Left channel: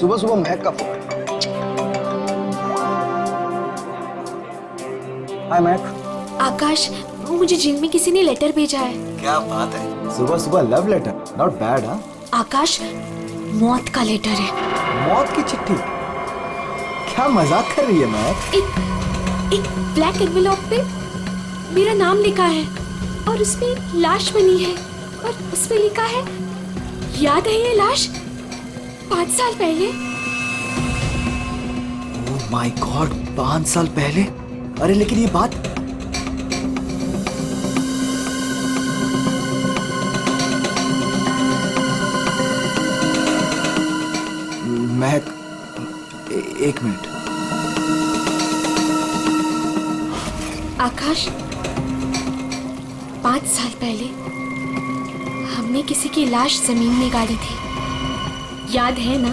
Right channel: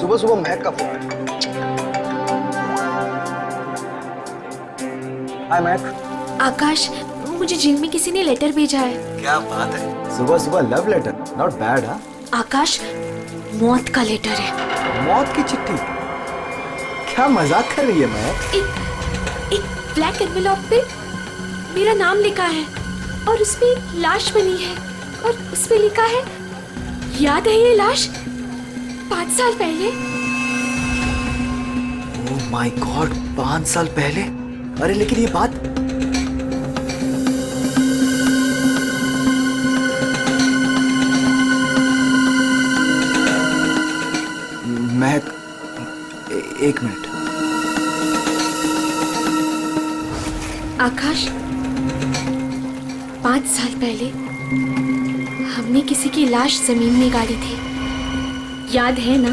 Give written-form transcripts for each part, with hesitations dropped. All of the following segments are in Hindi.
सुबह सुबह महक का फोन। हाय महक। आकाश, मुझे जिम में किसी ने लेटर भेजा है। क्या बात है, सुबह सुबह लव लेटर, नॉट बैड। हाँ आकाश, मौत का लेटर है। मौत की चिट्ठी? क्या मजाक कर रही है महक? एक ब्लैक एनवेलप पे मेरा नाम लिखा है और उसमें एक लाश बनी है और उसमें लिखा है, याद है ये लाश 5 साल पहले? ओह माय गॉड, 5 साल पहले? अरे लेकिन ये बात महक, एक मिनट। आकाश, 5 साल पहले हमने किसी की लाश जमीन में गाड़ी थी, याद है ना?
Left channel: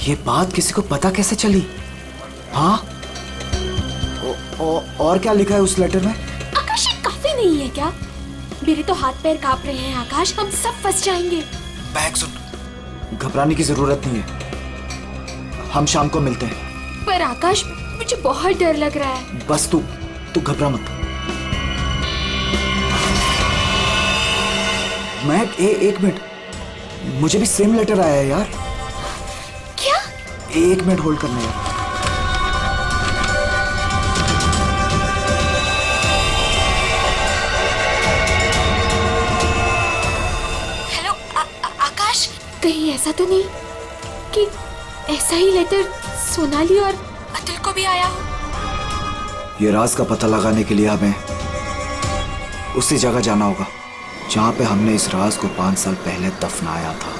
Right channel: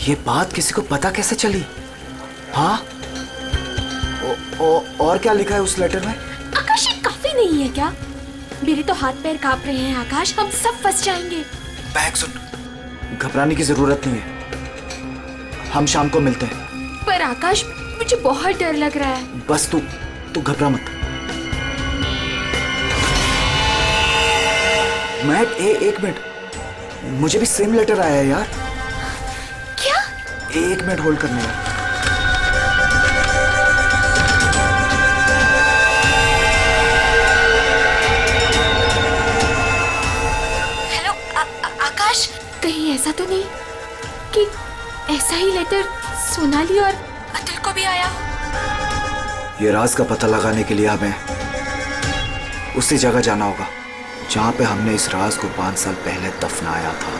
ये बात किसी को पता कैसे चली? हाँ, और क्या लिखा है उस लेटर में? आकाश, ये काफी नहीं है क्या? मेरे तो हाथ पैर कांप रहे हैं आकाश, हम सब फंस जाएंगे। महक सुन, घबराने की जरूरत नहीं है, हम शाम को मिलते हैं। पर आकाश, मुझे बहुत डर लग रहा है। बस तू घबरा मत। महक, एक मिनट, मुझे भी सेम लेटर आया है यार। क्या? 1 मिनट होल्ड करना यार। हेलो आकाश, कहीं ऐसा तो नहीं कि ऐसा ही लेटर सोनाली और अतुल को भी आया हो? ये राज का पता लगाने के लिए हमें उसी जगह जाना होगा जहां पे हमने इस राज को 5 साल पहले दफनाया था।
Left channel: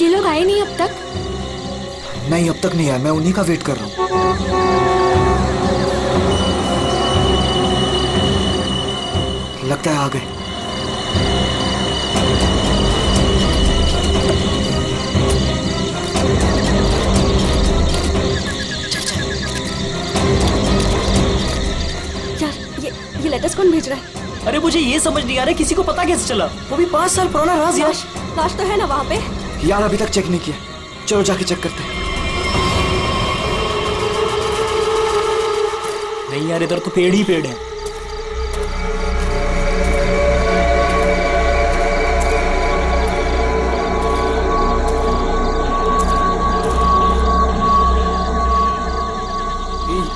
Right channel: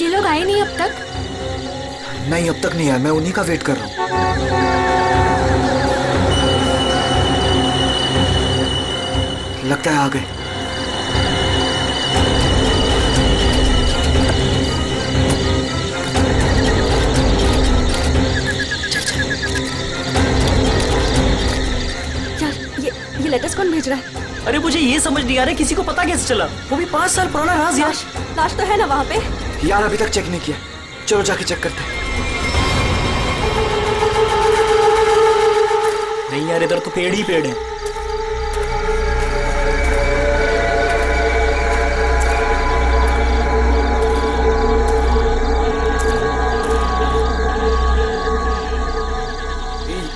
ये लोग आए नहीं अब तक? नहीं, अब तक नहीं आया, मैं उन्हीं का वेट कर रहा हूं। लगता है आ गए। यार, ये लेटर्स कौन भेज रहा है? अरे मुझे ये समझ नहीं आ रहा किसी को पता कैसे चला, वो भी 5 साल पुराना राज यार। लाश तो है ना वहाँ पे? यार अभी तक चेक नहीं किया, चलो जाके चेक करते हैं। नहीं यार, इधर तो पेड़ ही पेड़ है।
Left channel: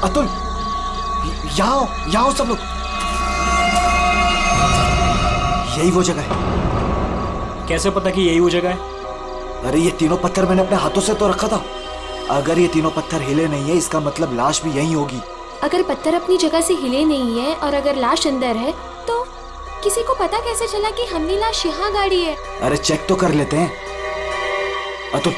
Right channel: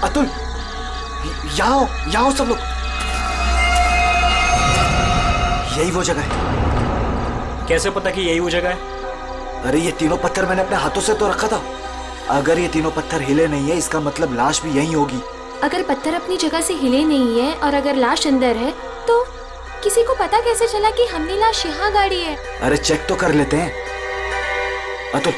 अतुल, यहाँ आओ सब लोग। यही वो जगह है। कैसे पता कि यही वो जगह है? अरे ये तीनों पत्थर मैंने अपने हाथों से तो रखा था। अगर ये तीनों पत्थर हिले नहीं है, इसका मतलब लाश भी यहीं होगी। अगर पत्थर अपनी जगह से हिले नहीं है और अगर लाश अंदर है, तो किसी को पता कैसे चला कि हमने लाश यहाँ गाड़ी है? अरे चेक तो कर लेते हैं। अतुल,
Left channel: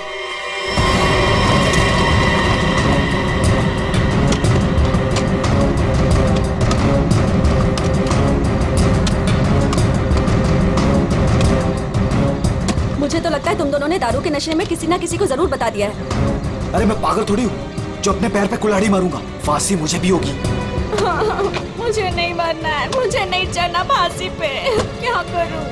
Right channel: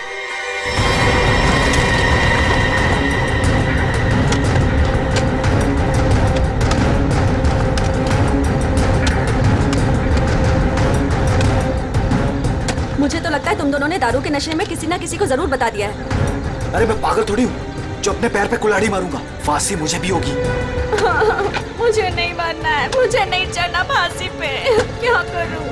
मुझे तो लगता है तुम दोनों ने दारू के नशे में किसी ना किसी को जरूर बता दिया है। अरे मैं पागल थोड़ी हूँ जो अपने पैर पे कुल्हाड़ी मारूंगा। फांसी मुझे भी होगी। मुझे नहीं मरना है, मुझे नहीं चढ़ना फांसी पे। क्या करूं?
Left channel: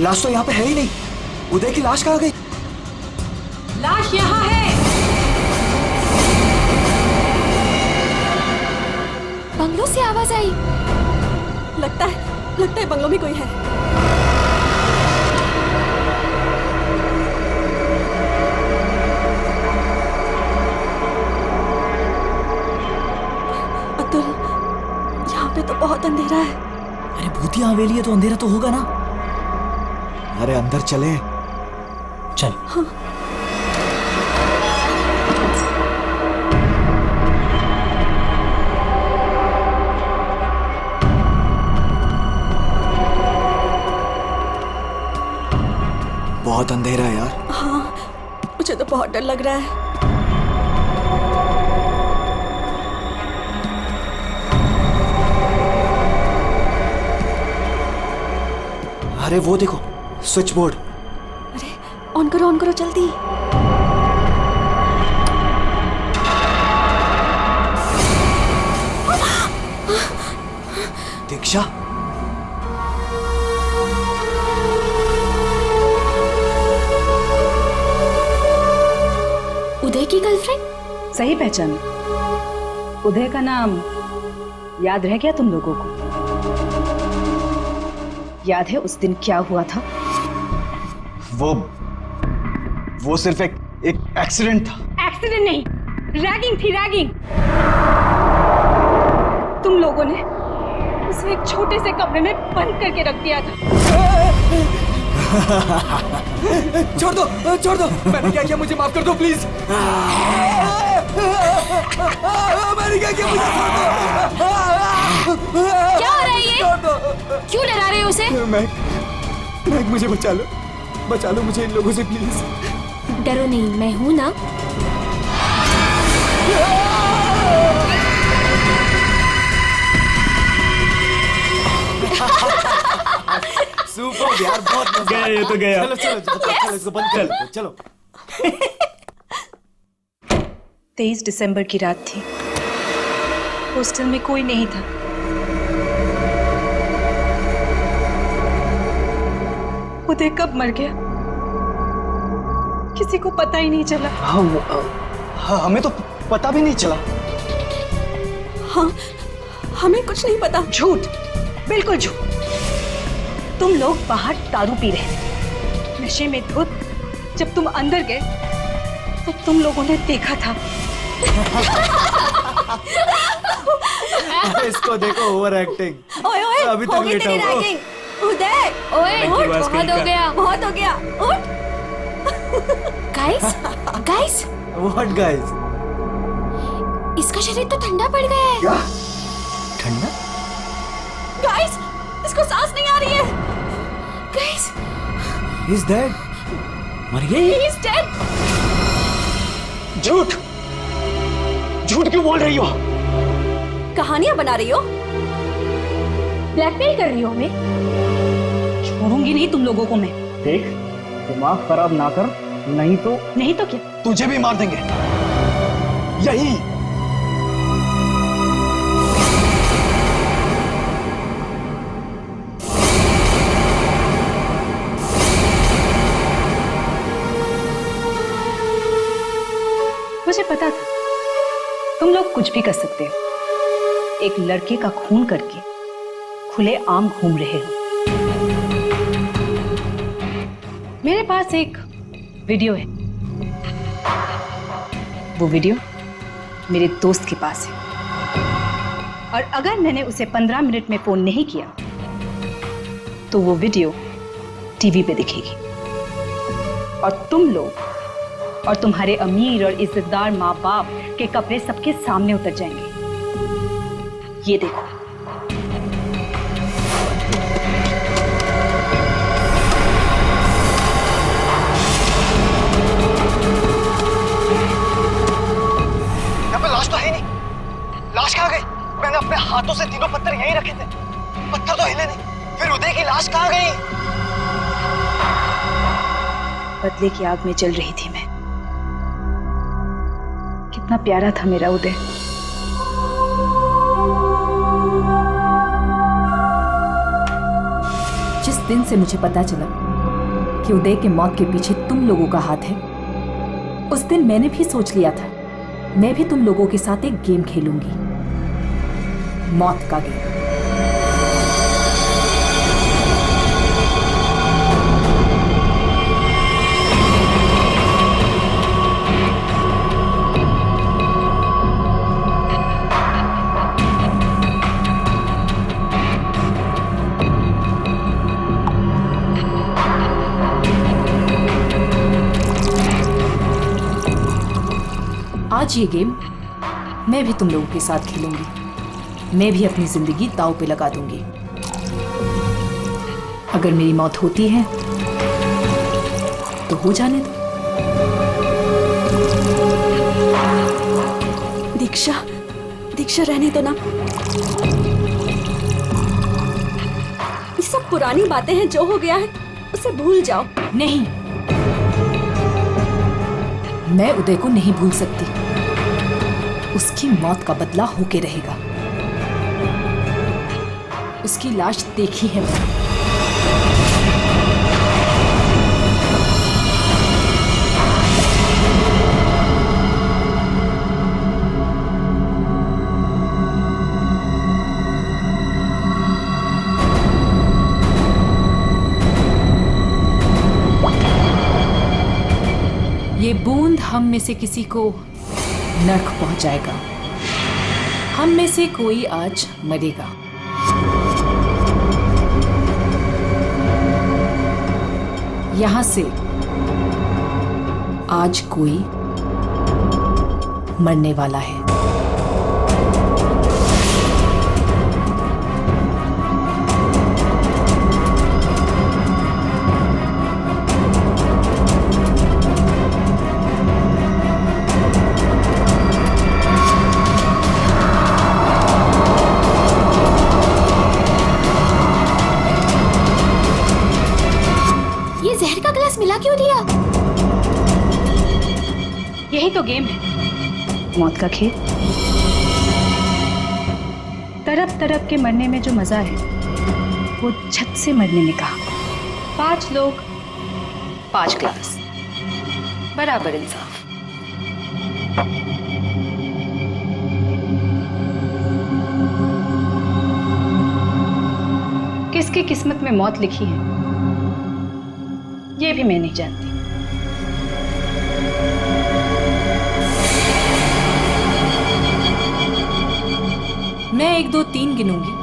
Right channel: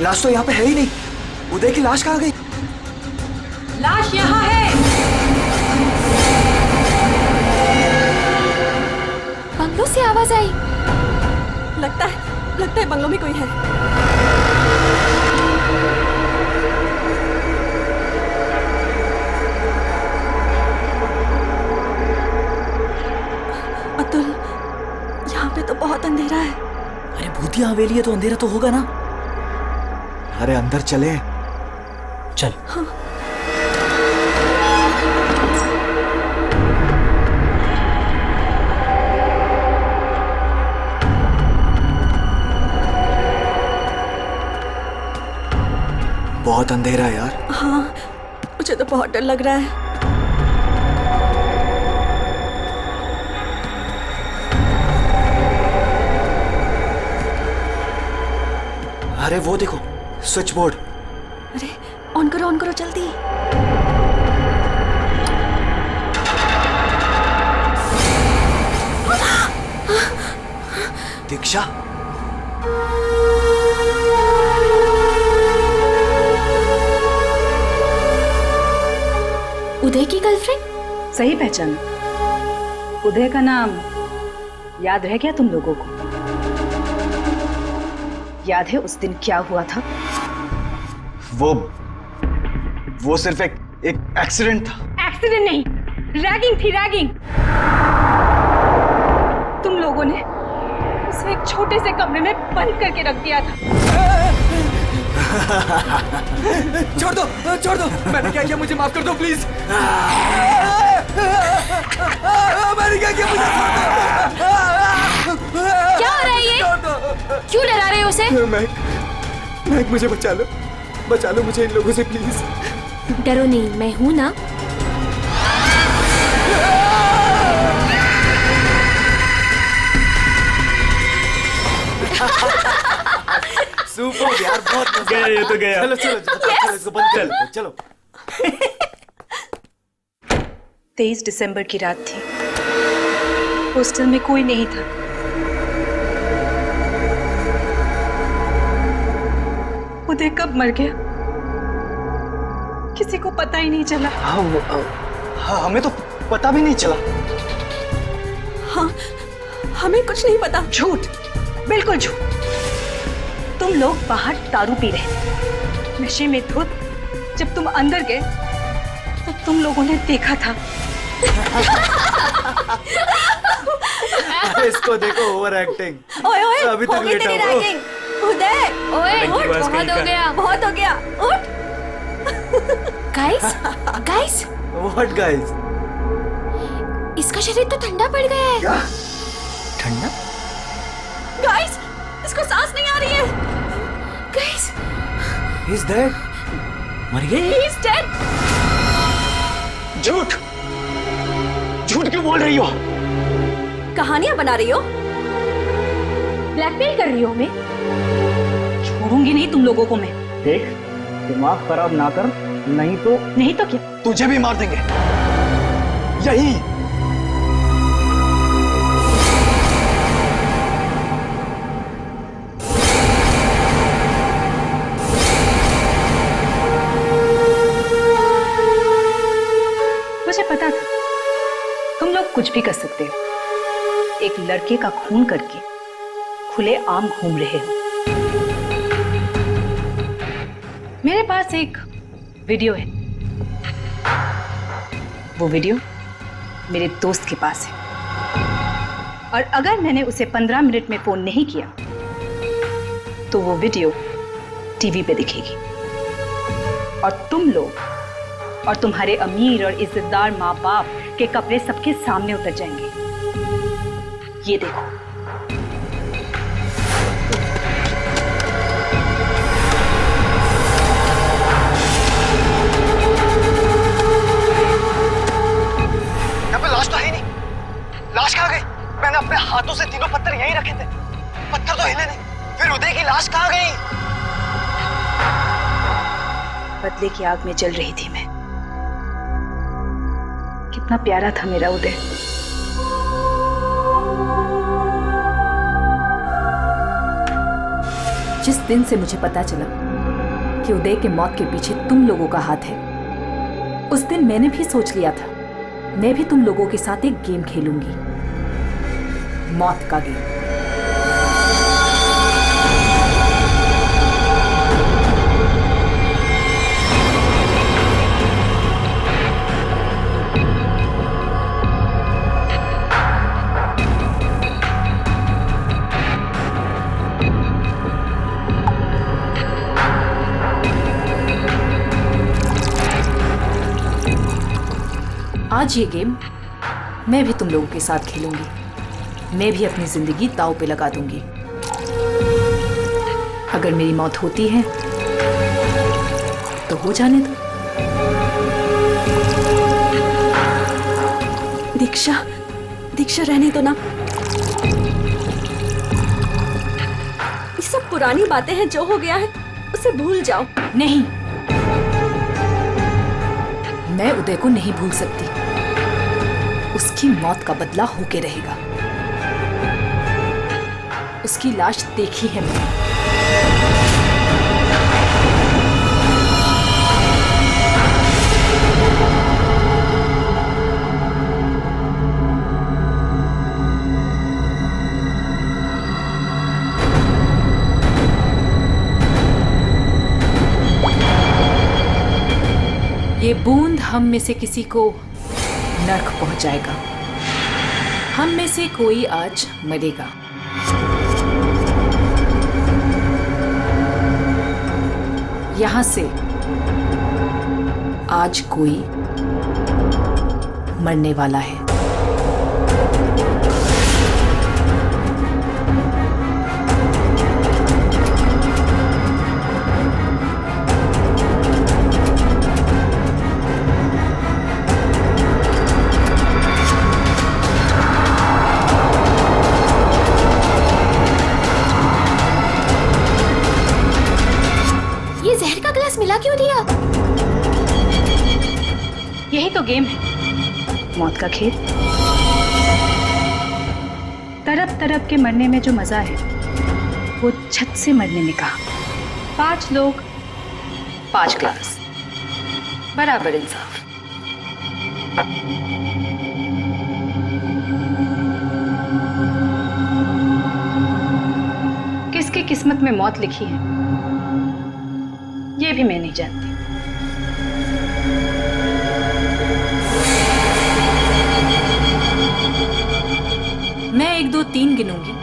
लाश तो यहाँ पे है ही नहीं। उदय की लाश कहाँ गई? लाश यहाँ है। बंगलों से आवाज आई। लगता है बंगलों में कोई है। अतुल, यहाँ पे तो बहुत अंधेरा है। अरे भूतिया हवेली है तो अंधेरा तो होगा ना। अरे अंदर चले। चल। हाँ। बहुत अंधेरा है यार। हाँ, मुझे तो बहुत डर लग रहा है। अरे वो देखो, स्विच बोर्ड। अरे ऑन करो जल्दी। दीक्षा, उदय की गर्लफ्रेंड? सही पहचाना। उदय का नाम याद रह गया तुम लोगों को? याद है उस दिन क्या हुआ था? वो सिर्फ एक एक्सीडेंट था। एक्सीडेंट नहीं, रैगिंग थी, रैगिंग। तुम लोगों ने उसे एक छोटे से कमरे में बंद करके रख दिया था। छोड़ दो, मैंने क्या किया, मुझे माफ कर दो प्लीज। मैंने क्या किया, मुझे छोड़ दो। क्या हो रहा है ये? क्यों डरा रहे हो उसे? मैक, मुझे बचा लो मुझे इन लोगों से प्लीज। डरो नहीं, मैं हूं ना। सुपर यार, बहुत मजा गया ये तो गया। चलो इसको बंद कर लो, चलो। 23 दिसंबर की रात थी। हॉस्टल में कोई नहीं था। उदय कब मर गया किसी को पता ही नहीं चला। हाँ, हमें तो पता भी नहीं चला। हाँ, हमें कुछ नहीं पता। झूठ, बिल्कुल झूठ। तुम लोग बाहर दारू पी रहे थे, नशे में धुत। जब तुम अंदर गए तो तुम लोगों ने देखा था। इसको देखो, ओवर एक्टिंग। ओए अभी तक होगी लेटा तेरी हुआ। रैगिंग। उदय, ओए, उठ, बहुत हो गया। उठ। Guys, what guys? इसका शरीर तो ठंडा पड़ गया है। ठंडा? गाइस, इसको सांस नहीं आ रही है। Guys, he is dead. मर गई? He is dead. झूठ क्यों बोल रही हो? कहानियां बना रही हो? ब्लैकमेल कर रही हो हमें? छोड़ूंगी नहीं तुम लोगों को मैं। देख, दिमाग खराब ना कर, नहीं तो क्या? तुझे भी मार देंगे यही। मुझे पता था तुम लोग कुछ भी कर सकते हो। एक लड़के का खून करके खुले आम घूम रहे हो। मेरे पास एक वीडियो है। वो वीडियो मेरे दोस्त के पास है, और अगर मैंने उसे 15 मिनट में फोन नहीं किया तो वो वीडियो टीवी पे दिखेगी, और तुम लोग और तुम्हारे अमीर और इज्जतदार माँ बाप के कपड़े सबके सामने उतर जाएंगे। ये देखो। यहाँ पे लाश तो है ही नहीं। लाश कहाँ गई? मैंने अपने हाथों से तीनों पत्थर यहीं रखे थे, पत्थर तो हिले नहीं। फिर उदय की लाश कहाँ गई? बदले की आग में जल रही थी मैं। कितना प्यारा था मेरा उदय। जिस दिन से मुझे पता चला कि उदय के मौत के पीछे तुम लोगों का हाथ है, उस दिन मैंने भी सोच लिया था मैं भी तुम लोगों के साथ एक गेम खेलूंगी, मौत का गेम। आज ये गेम मैं भी तुम लोगों के साथ खेलूंगी। मैं भी अपनी जिंदगी दांव पे लगा दूंगी। अगर मेरी मौत होती है तो हो जाने दो। दीक्षा, दीक्षा रहने दो ना। ये सब पुरानी बातें हैं, जो हो गया है उसे भूल जाओ। नहीं, मैं उदय को नहीं भूल सकती। उसकी मौत का बदला होके रहेगा। उसकी लाश देखी है मैंने। ये बूंद हम में से किसी को नर्क पहुंचाएगा। हम में से कोई आज मरेगा। यहां से आज कोई मरने वाला है। जहर का ग्लास मिला क्यों दिया? यही तो गेम है, मौत का खेल। तड़प तड़प के मरने में जो मजा है वो झट से मरने में कहा। 5 लोग 5 ग्लास, बराबर इंसाफ। किसकी किस्मत में मौत लिखी है ये भी मैं नहीं जानती। मैं 1 2 3 गिनूंगी।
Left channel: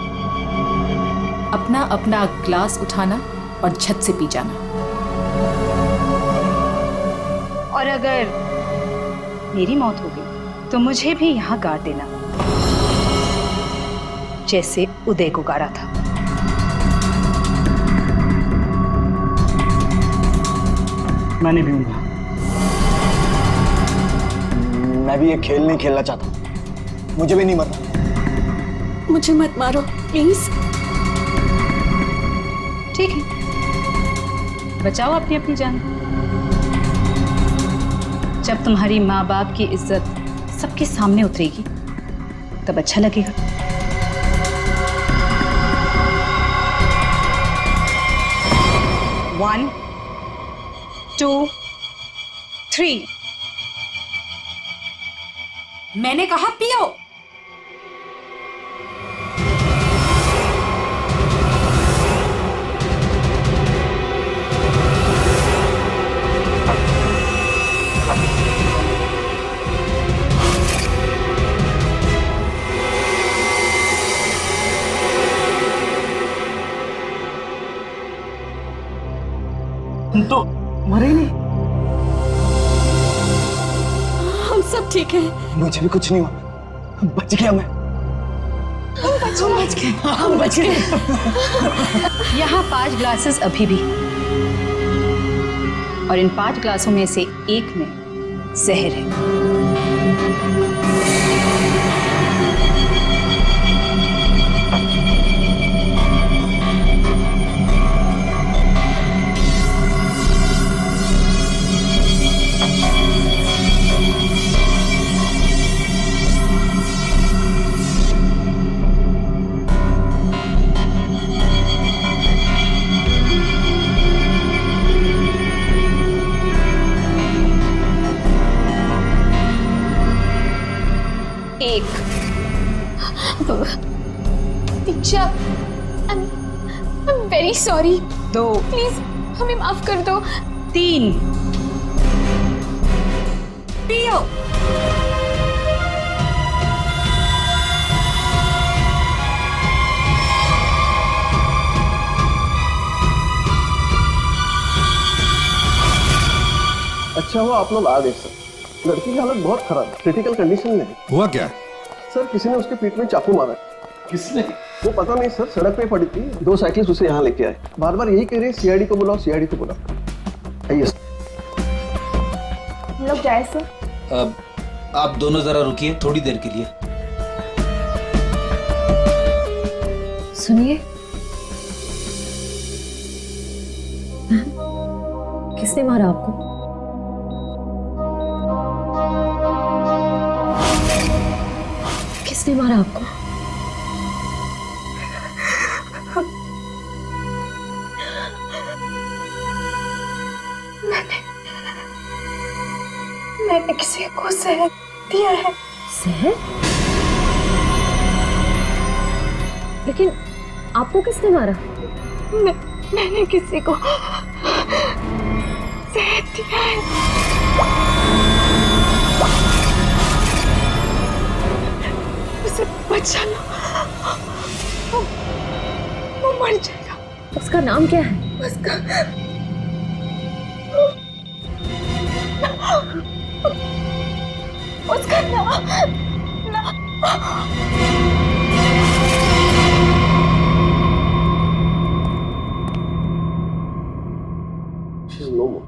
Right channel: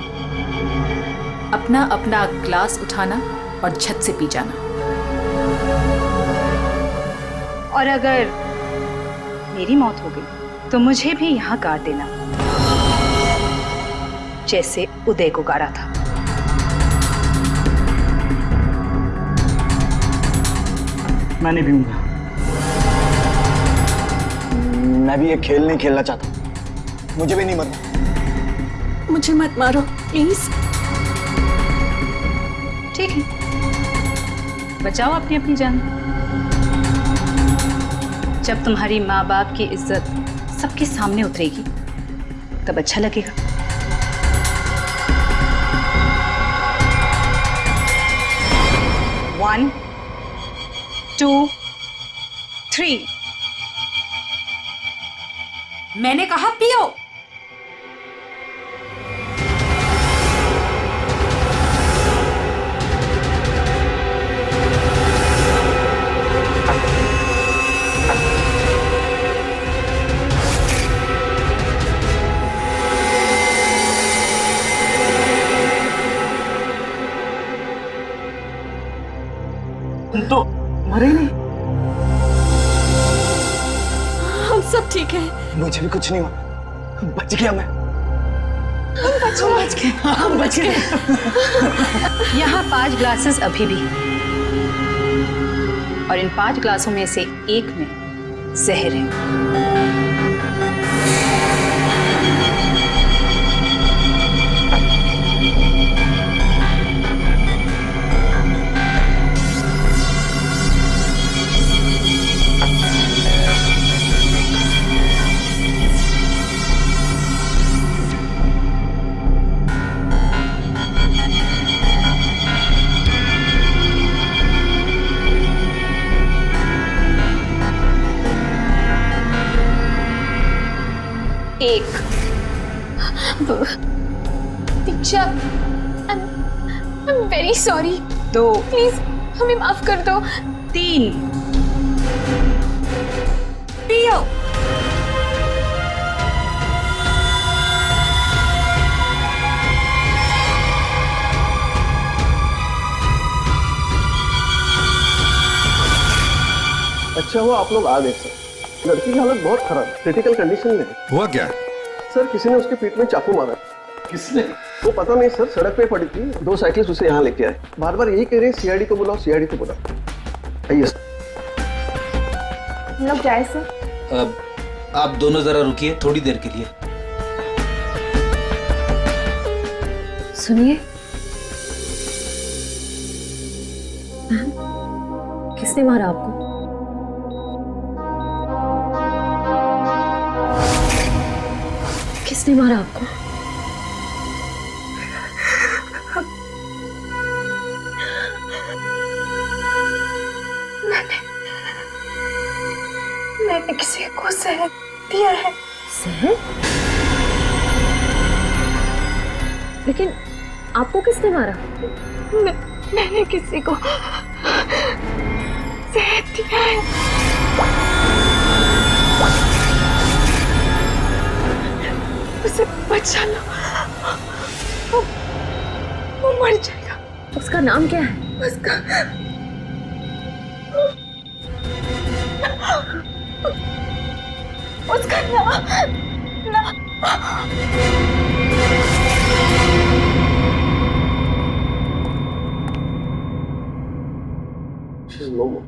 अपना अपना ग्लास उठाना और झट से पी जाना। और अगर मेरी मौत हो गई तो मुझे भी यहां गाड़ देना, जैसे उदय को गाड़ा था। मैं नहीं पीऊंगा। मैं भी ये खेल नहीं खेलना चाहता। मुझे भी नहीं मरना। मुझे मत मारो प्लीज। ठीक है, बचाओ अपनी अपनी जान। जब तुम्हारी माँ बाप की इज्जत सबके सामने उतरेगी तब अच्छा लगेगा। One, 2, 3। मैंने कहा पियो। तुम तो मरे ही नहीं। हम सब ठीक हैं। मुझे भी कुछ नहीं हुआ। बच गया मैं। हम बच गए। यहाँ 5 ग्लासेस अभी भी, और इन 5 ग्लासों में से एक में जहर है। 1। Diksha, I am very sorry. 2, please हमें माफ कर दो। 3। पियो। अच्छा हुआ आप लोग आ गए सर। लड़की की हालत बहुत खराब, क्रिटिकल कंडीशन में है। हुआ क्या? सर किसी ने उसके पीठ में चाकू मारा। किसने? वो पता नहीं सर, सड़क पे पड़ी थी, 2 साइकिलिस्ट उसे यहाँ लेके आए। बार बार यही कह रहे सीआईडी को बुलाओ, सीआईडी को बुलाओ। आइए सर। हम लोग जाए सर। अब आप दोनों जरा रुकिए थोड़ी देर के लिए। सुनिए, किसने मारा आपको? किसने मारा आपको? मैंने किसी को जहर दिया है। जहर? लेकिन आपको किसने मारा? मैंने किसी को जहर दिया है। उसे बचा लो, वो मर जाएगा। उसका नाम क्या है? उसका नाम She's no more.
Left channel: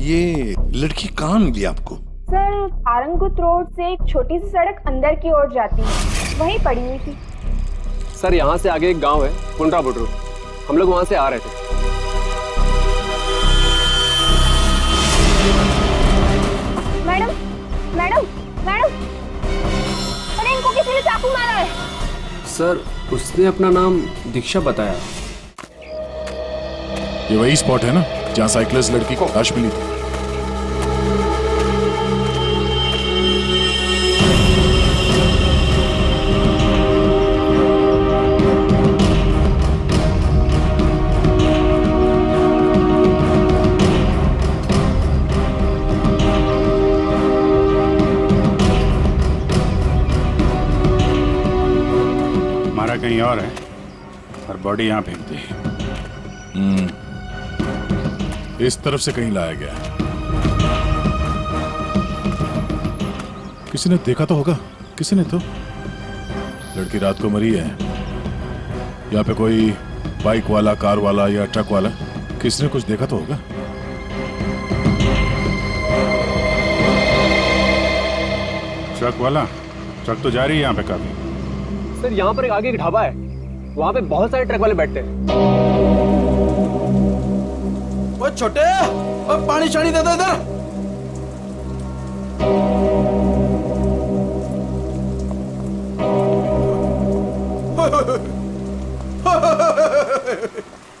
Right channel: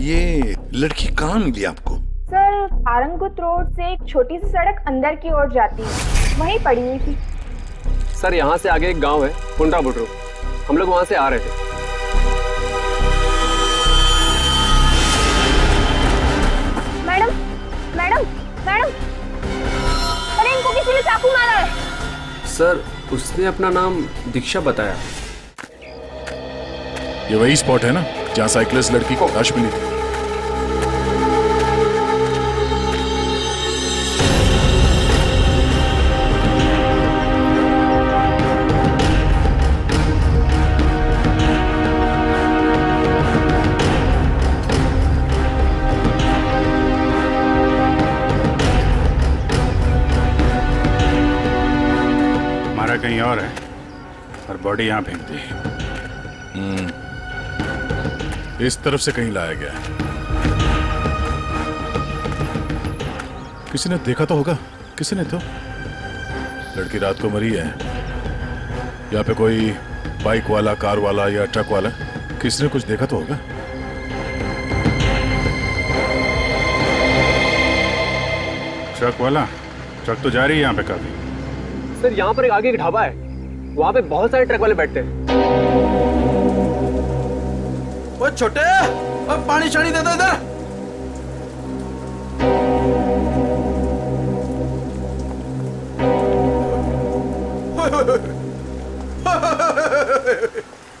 ये लड़की कहाँ मिली आपको? सर, आरंगुत रोड से एक छोटी सी सड़क अंदर की ओर जाती है, वहीं पड़ी हुई थी। सर यहाँ से आगे एक गांव है, पुंडरा बुड्रू। हम लोग वहां से आ रहे थे। मैडम, मैडम, मैडम, अरे इनको किसी ने चाकू मारा है। सर उसने अपना नाम दीक्षा बताया। ये वही स्पॉट है ना जहाँ साइकिलिस्ट लड़की को लाश मिली थी? मारा कहीं और है और बॉडी यहाँ फेंक दी। इस तरफ से कहीं लाया गया है। किसी ने देखा तो होगा। किसी ने तो। लड़की रात को मरी है। यहाँ पे कोई बाइक वाला, कार वाला या ट्रक वाला, किसी ने कुछ देखा तो होगा। ट्रक वाला? ट्रक तो जा रही है यहाँ पे काफी। सर यहाँ पर एक आगे एक ढाबा है, वहाँ पे बहुत सारे ट्रक वाले बैठते हैं। वो छोटे, अब पानी शानी दे दो इधर।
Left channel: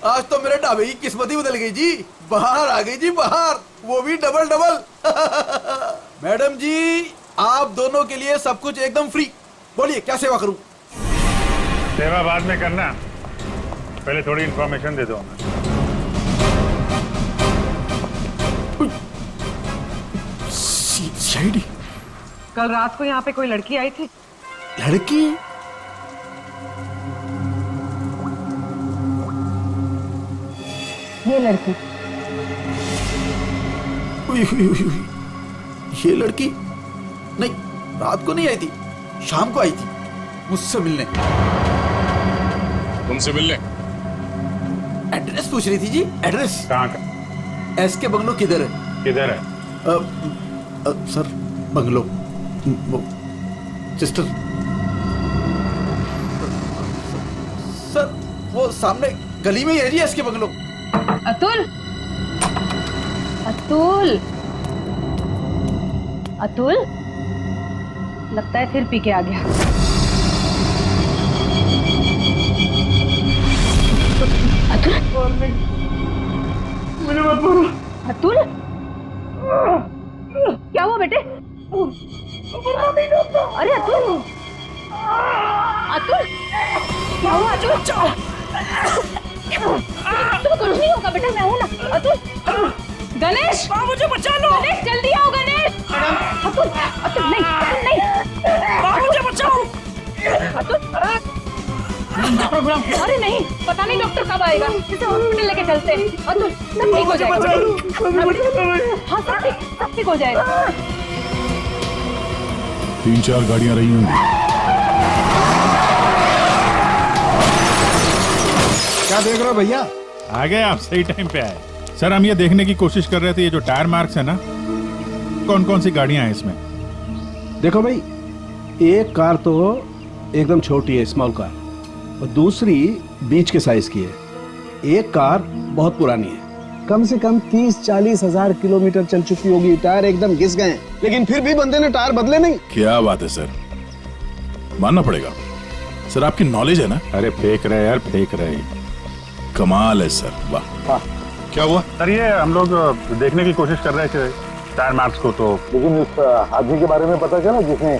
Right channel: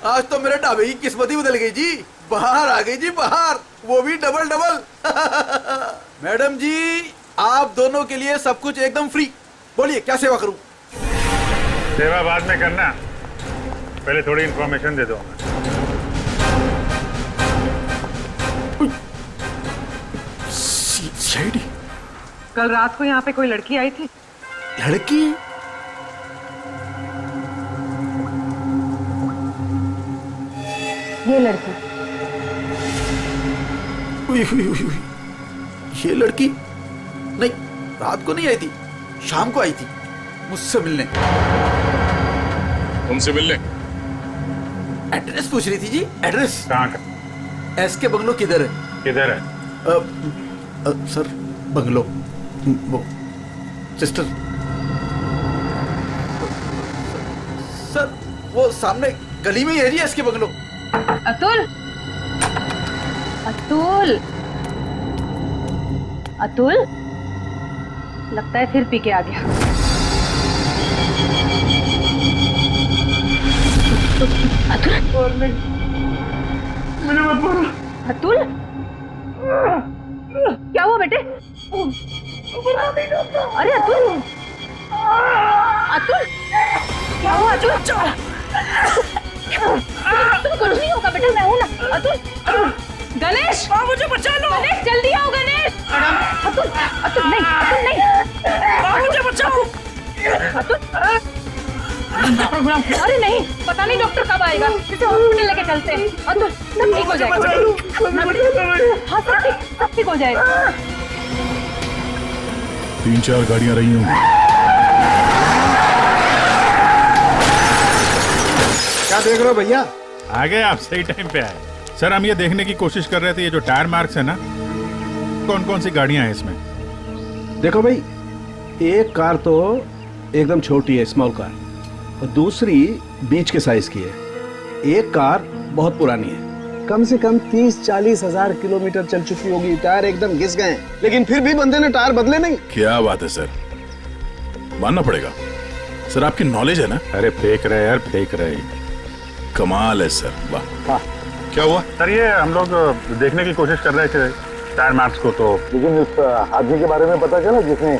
आज तो मेरे ढाबे की किस्मत ही बदल गई जी। बाहर आ गई जी, बाहर, वो भी डबल डबल। मैडम जी, आप दोनों के लिए सब कुछ एकदम फ्री। बोलिए क्या सेवा करूं? सेवा बाद में करना, पहले थोड़ी इंफॉर्मेशन दे दो हमें। सीआईडी? कल रात को यहाँ पे कोई लड़की आई थी। लड़की? ये लड़की। उई, उई, उई, उई। ये लड़की? नहीं, रात को नहीं आई थी, शाम को आई थी मुझसे मिलने। तुमसे मिलने? एड्रेस पूछ रही थी जी। एड्रेस? कहाँ का? एसके बंगलो किधर है? किधर है? सर बंगलो, वो सिस्टर। सर वो सामने गली में ही है जी एसके बंगलो। अतुल, अतुल, अतुल, लगता है फिर पी के आ गया। अतुल, मुझे मत मारो। अतुल, क्या हुआ बेटे? अरे अतुल, अतुल क्या हुआ? अतुल तुम कुछ नहीं होगा बेटा, मैं हूं ना। अतुल, गणेश मुझे बचा लो। गणेश जल्दी आओ गणेश। अतुल, अतुल नहीं, अतुल नहीं, मुझे बचाओ। अतुल, अरे नहीं, पता नहीं डॉक्टर कब आएगा, किसे हॉस्पिटल लेके चलते हैं। अतुल सब ठीक हो जाएगा। हाँ सब ठीक हो जाएगा। 3-4 गाड़ियां रही होंगी। क्या देख रहे हो भैया? आ गए आप, सही टाइम पे आए। सर हम ये देखने की कोशिश कर रहे थे, ये जो टायर मार्क्स है ना, कौन कौन सी गाड़ियां हैं इसमें? देखो भाई, एक कार तो एकदम छोटी है, स्मॉल कार, और दूसरी बीच के साइज की है। एक कार बहुत पुरानी है, कम से कम 30-40 हजार किलोमीटर चल चुकी होगी, टायर एकदम घिस गए हैं, लेकिन फिर भी बंदे ने टायर बदले नहीं। क्या बात है सर, मानना पड़ेगा सर, आपकी नॉलेज है ना। अरे फेंक रहे यार, फेंक रहे। कमाल है सर, वाह। क्या हुआ सर? ये हम लोग देखने की कोशिश कर रहे थे टायर मार्क्स को, तो लेकिन उस आदमी के बारे में पता चला जिसने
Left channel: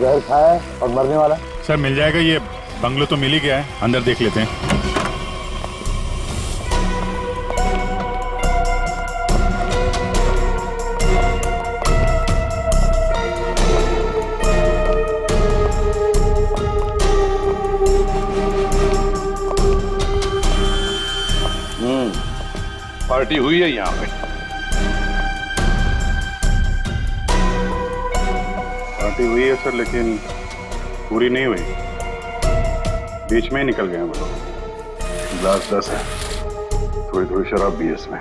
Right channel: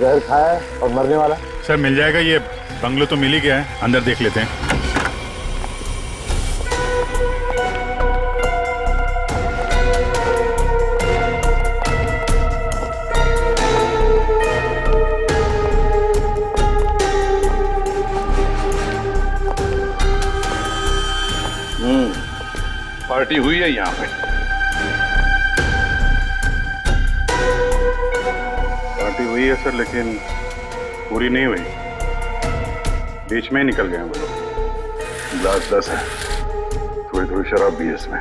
जहर खाया है और मरने वाला? सर मिल जाएगा, ये बंगलो तो मिल ही गया है, अंदर देख लेते हैं। पार्टी हुई है यहाँ पे। पार्टी हुई है सर, लेकिन पूरी नहीं हुई, बीच में ही निकल गए वो लोग। ग्लास 10 है, थोड़ी थोड़ी शराब भी है इसमें।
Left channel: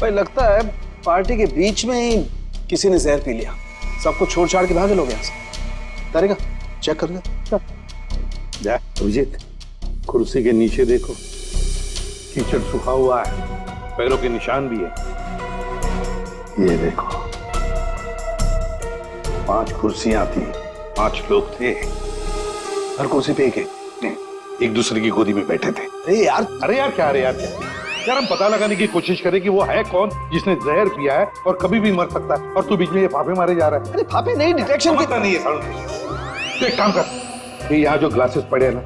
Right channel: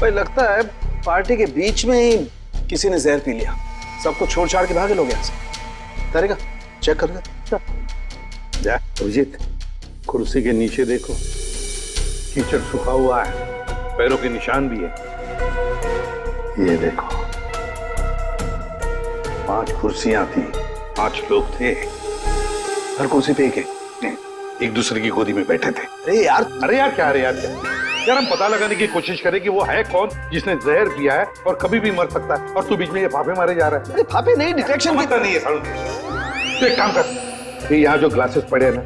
भाई लगता है पार्टी के बीच में ही किसी ने जहर पी लिया, सबको छोड़ छाड़ के भागे लोग यहाँ से। तारेगा चेक कर ले। अभिजीत, कुर्सी के नीचे देखो, कीचड़ सूखा हुआ है, पैरों के निशान भी है। ये देखो, 5 कुर्सियां थी, 5 लोग थे, हर कुर्सी पे एक दूसरे की गोदी में बैठे थे। अरे यार क्या यार, हम पता लगाने की कोशिश करें कि वो है कौन जिसने जहर पिया है और कभी भी मर सकता है, और तू बीच में ये फाफे मारे जा रहा है। अरे फाफे नहीं, डिटेक्शन की नहीं है सालू। तो एक काम कर, ये यहाँ जो ग्लासेस पड़े हैं ना,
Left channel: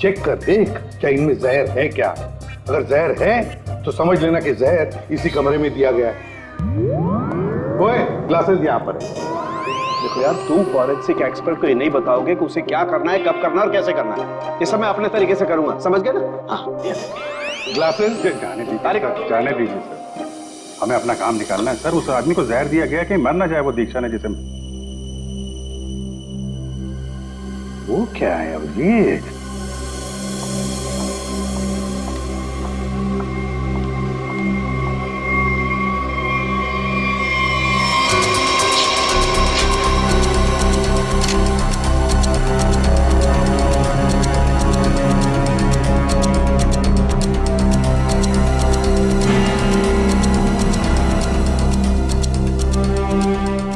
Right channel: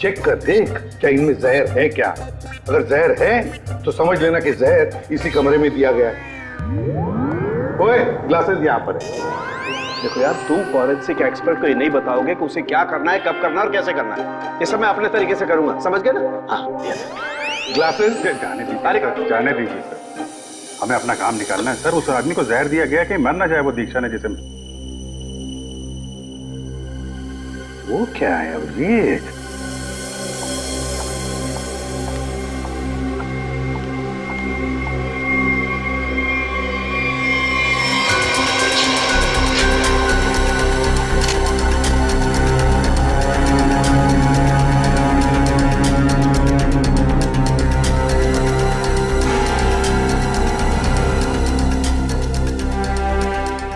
चेक कर देख क्या इनमें जहर है क्या। अगर जहर है तो समझ लेना कि जहर इसी कमरे में दिया गया है। ओए, ग्लासेस यहाँ पर है। देखो यार, तुम फॉरेंसिक एक्सपर्ट को ये नहीं बताओगे कि उसे क्या करना है, कब करना है और कैसे करना है। ये सब मैं अपने तरीके से करूंगा, समझ गए ना? हाँ, ग्लासेस जाने दीजिए सर, हमें अपना काम निकालना है। सर उस आदमी को जहर दिया गया, कहीं मर ना जाए वो दीक्षा ने जिसे। वो क्या है अभिजीत?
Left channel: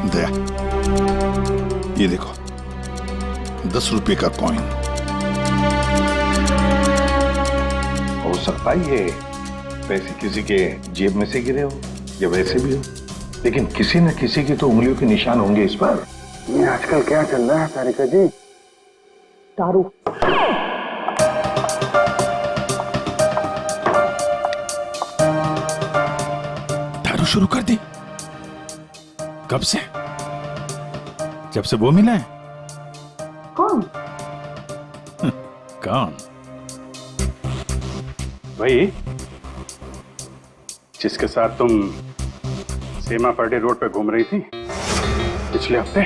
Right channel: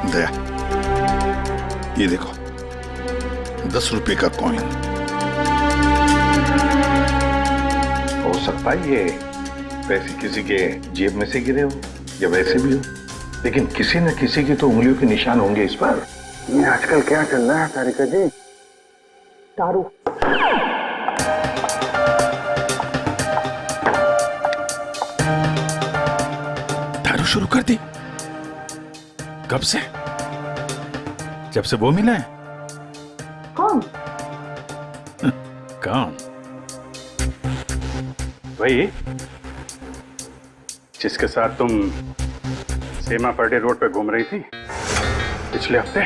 दया, ये देखो 10 रुपए का कॉइन। हो सकता है ये पैसे किसी के जेब में से गिरे हो या वैसे भी हो, लेकिन किसी न किसी की तो उंगलियों के निशान होंगे इस पर। ये आजकल क्या चल रहा है तारिका जी? दारू। दारू शुरू कर दी? कब से? जब से वो मिला है? कौन? कौन? वही जिसके साथ तुम सीमा पर्डे रोड पे घूम रही थी पिछले हफ्ते।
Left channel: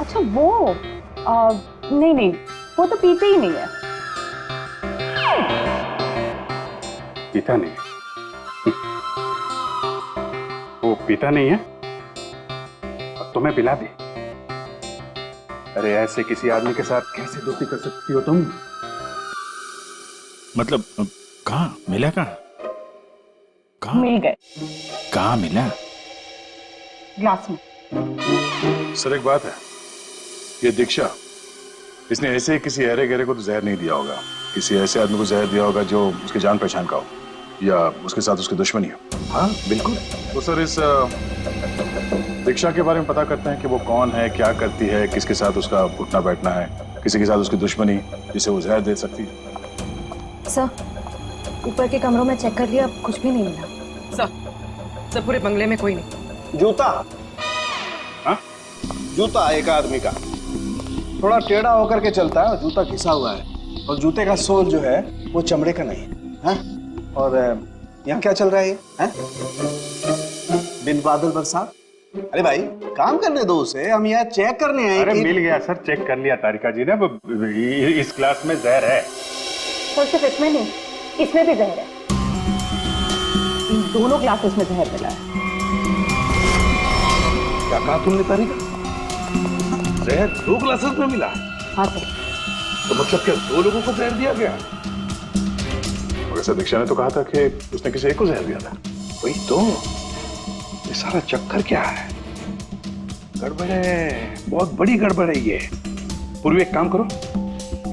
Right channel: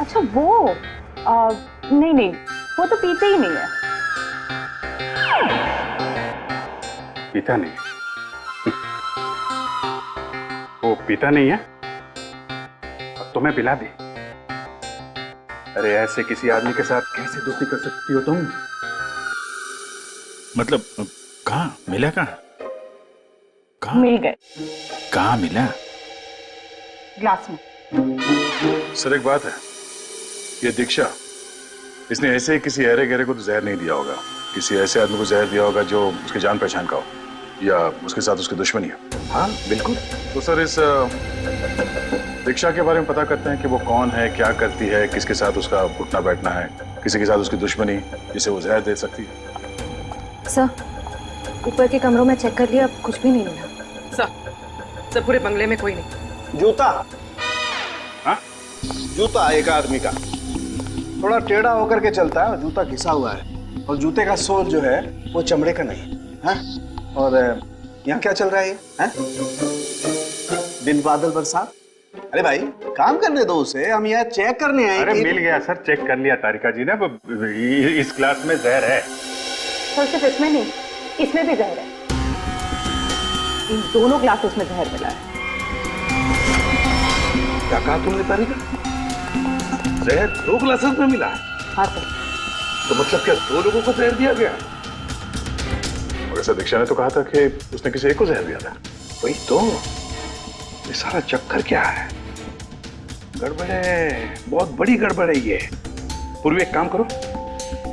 अच्छा वो नहीं, वो तो पीते ही नहीं है। पीता नहीं? वो पीता नहीं है और तुम्हें पिला दे? अरे ऐसे किसी आदमी के साथ कैसे दोस्ती कर सकती हो तुम? मतलब कहाँ मिला? कहाँ मिल गए। कहाँ मिला? ग्लास में। सर एक बात है, ये दीक्षा इसने ऐसे किसी अहरे गहरे को तो जहर नहीं दिया होगा, किसी ऐसे आदमी को जहर दिया होगा जो उसके जान पहचान का हो या उसके साथ उसकी दुश्मनी हो। हाँ बिल्कुल। तो सर इस दीक्षा के बारे में पता करते हैं कि वो कौन है, क्या करती है, किसके साथ उसका उठना बैठना है, किसी के साथ उसकी दुश्मनी जिसे वो जहर दे सकती है। सर, ऊपर के कमरों में चेक कर लिया, अब कुछ भी नहीं मिला। सर पूरे बंगले में कोई नहीं। जूता, हाँ जूता एक आदमी का थोड़ा टेढ़ा होकर के चलता है और जूता घिसा हुआ है, और जूते का सोल जो है वो चमड़े का नहीं है। हाँ? और यहाँ क्या चल रहा है ये? हाँ? बिन बादल बरसात। अरे भाई काम करने दो उसे, हम यहाँ चेक करने आए। अरे मिल गया सर, चेक कर लिया तारिका जी ने, इस क्लास में जहर है। सर सिर्फ इसमें नहीं, इसमें भी जहर है। इन दोनों ग्लासेस में जहर मिला है। क्या कहा तुमने तारिका? जहर 2 ग्लासेस में मिला है? हाँ सर। तो मतलब क्या 2 लोगों को जहर दिया गया? और ऐसा दीक्षा ने तो कहा था कि उसने किसी एक को जहर दिया था। वही तो, ये सारा चक्कर क्या है? गड़बड़ है, बहुत बड़ी गड़बड़ है ये। पूर्वी एक काम करो,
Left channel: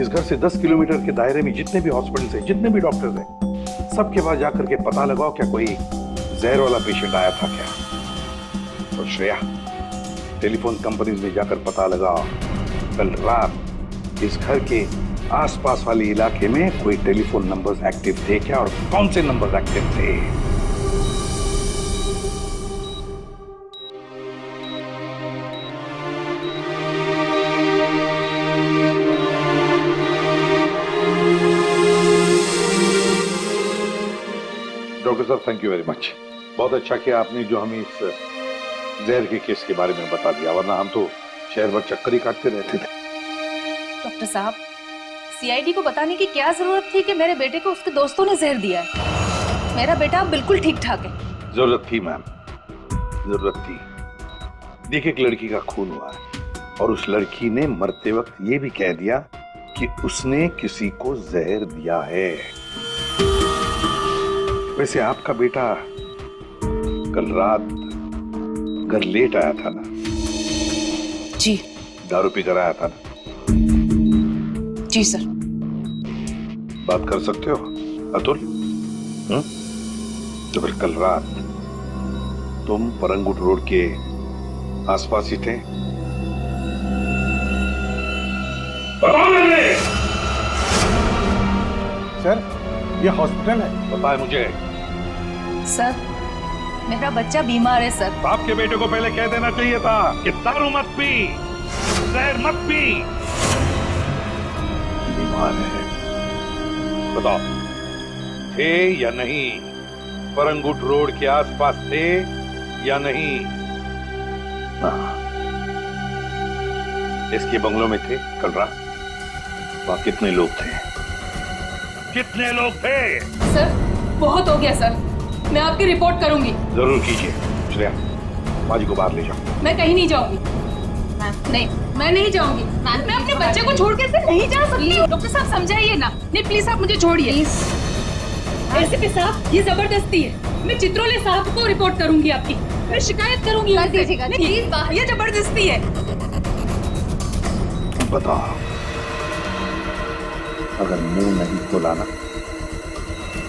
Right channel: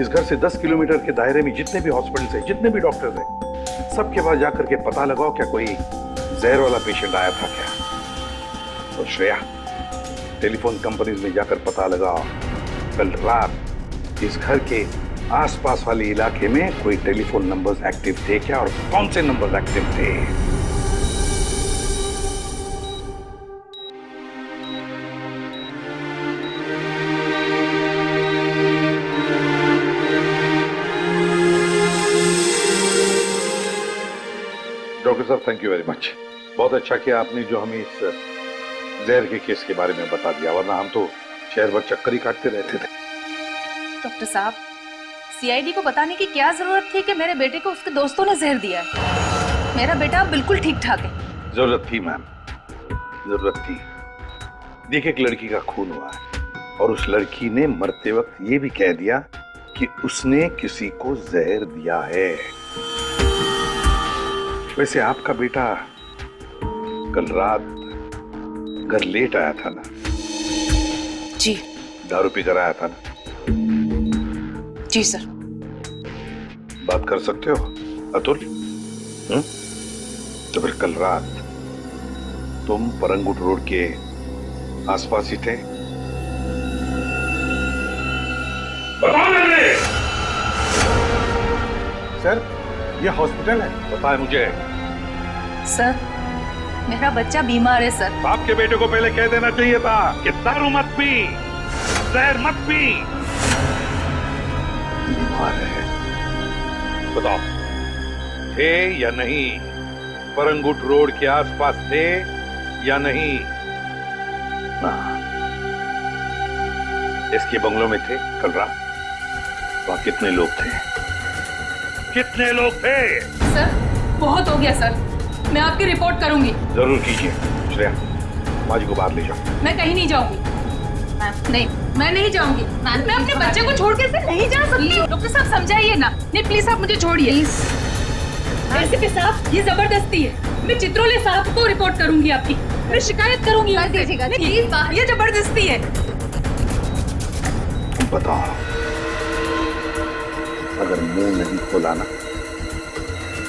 इस घर से 10 किलोमीटर के दायरे में जितने भी हॉस्पिटल्स हैं, जितने भी डॉक्टर्स हैं, सबके पास जाकर के पता लगाओ क्या कोई जहर वाला पेशेंट आया था क्या। और श्रेया, टेलीफोन कंपनीज में जाकर पता लगाओ कल रात इस घर के आसपास वाले इलाके में कोई टेलीफोन नंबर्स एक्टिव थे क्या, और कौन से नंबर्स एक्टिव थे। डॉक्टर साहब थैंक यू वेरी मच, बहुत अच्छा किया आपने जो हमें इस जहर के केस के बारे में बता दिया, वरना हम तो शहर भर चक्कर ही काटते रहते थे। डॉक्टर साहब, सीआईडी को बताने की क्या जरूरत थी कि मेरे बेटे को उसके दोस्तों ने जहर दिया है। मेरा बेटा बिल्कुल ठीक ठाक है। जरूरत थी मैम, जरूरत थी। देखिए एक लड़की का खून हुआ है और उस लड़की ने मरते वक्त ये भी कह दिया कि उसने किसी को जहर दिया है। वैसे आपका बेटा कल रात घर लेट आया था ना? जी। दारू पी कर आया था ना? जी सर। बात कर सकते हो अतुल? तो फिर कल रात तुम परंगुट रोड के आसपास ही थे? सर ये हॉस्पिटल है। पता है मुझे। सर मेरा बच्चा बीमार है सर। बाप के बेटे को पहले कह देना चाहिए था कि दारू मत पी, जहर मत पी। बीमार है, बताओ थे या नहीं? परंगुट रोड के आसपास थे या नहीं? इसके बंगलों में थे कल रात? वहां कितने लोग थे? कितने लोग थे? सर बहुत हो गया सर, मैं आपकी रिपोर्ट करूंगी। जरूर कीजिए। श्रेया, माँ जी को बाहर ले जाओ। मैं कहीं नहीं जाऊंगी। नहीं, मैं नहीं जाऊंगी। मैं अपने बच्चे को छोड़ के नहीं जा सकती। डॉक्टर साहब समझाइए ना। नहीं प्लीज आप मुझे छोड़िए। एसीपी साहब ये जबरदस्ती है। मैं चित्रोले साहब को रिपोर्ट करूंगी आपकी। मैं शिकायत करूंगी। कर दीजिएगा प्लीज। ये जबरदस्ती है। बताओ, अगर मुंह नहीं खोला ना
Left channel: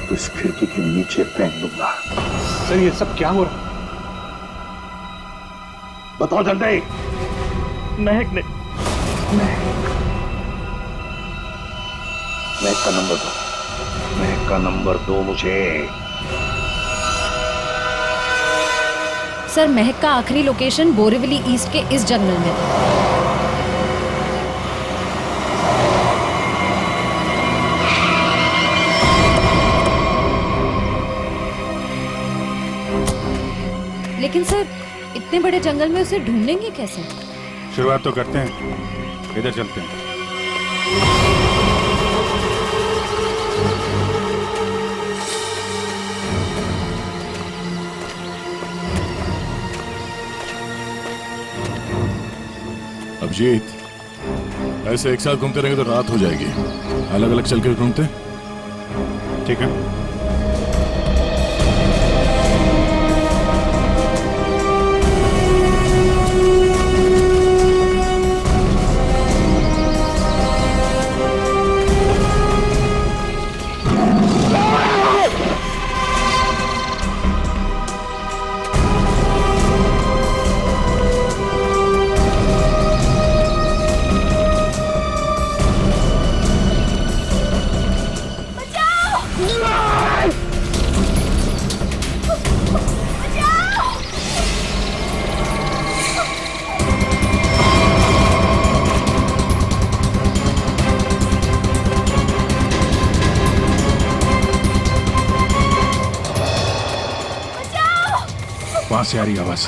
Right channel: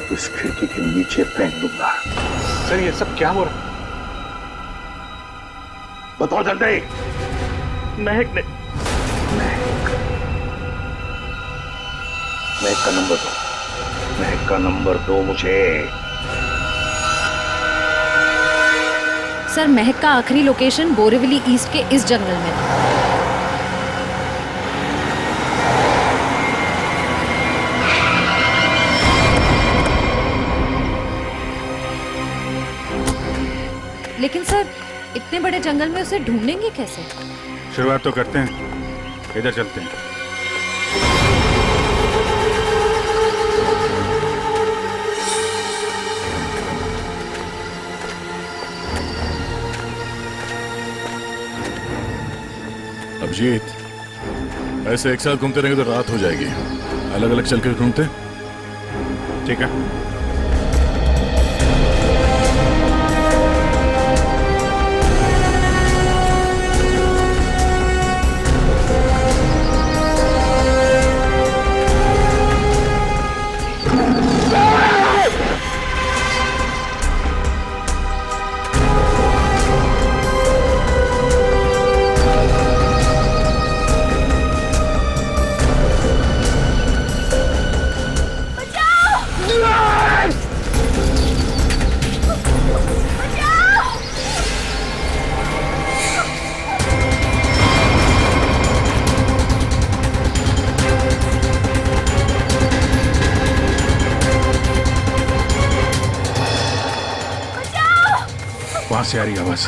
तो इस खिड़की के नीचे फेंक दूंगा। सर ये सब क्या हो रहा? बताओ जल्दी। महक ने महक का नंबर दो। महक का नंबर दो मुझे। सर महक का आखिरी लोकेशन बोरीवली ईस्ट के इस जंगल में था। लेकिन सर इतने बड़े जंगल में उसे ढूंढेंगे कैसे? शुरुआत तो करते हैं, इधर चलते हैं। अभिजीत, ऐसे एक साथ घूमते रहेंगे तो रात हो जाएगी। अलग अलग चल के ढूंढते, ठीक है? वहां से आ रही आवाज।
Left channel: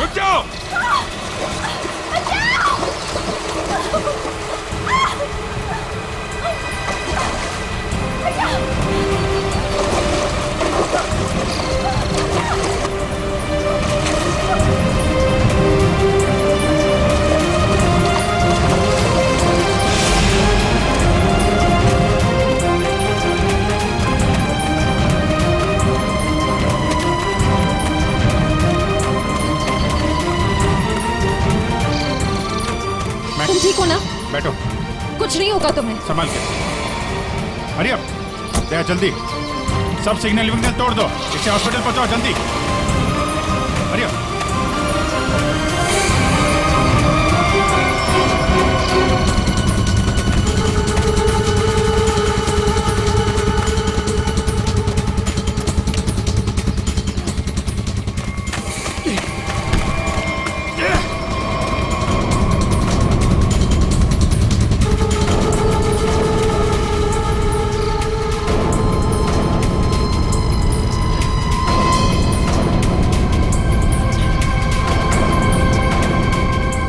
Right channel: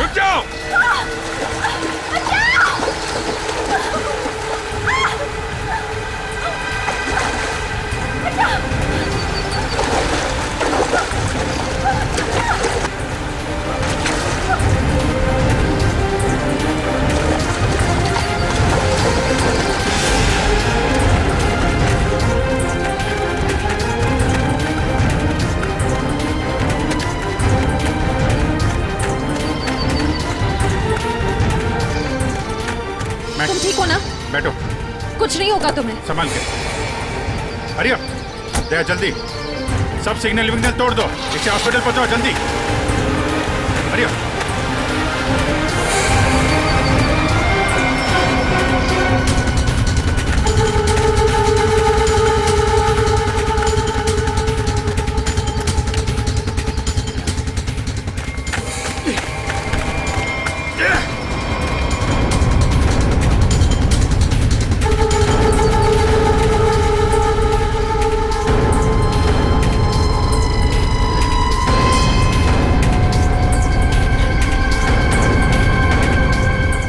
रुक जाओ! तुम ठीक हो ना? बैठो। कुछ नहीं होगा तुम्हें। संभाल के। हरी अप, दया जल्दी। सब सिग्नल विग्नल तोड़ दो, इसे हॉस्पिटल पहुंचाओ जल्दी। Hurry up.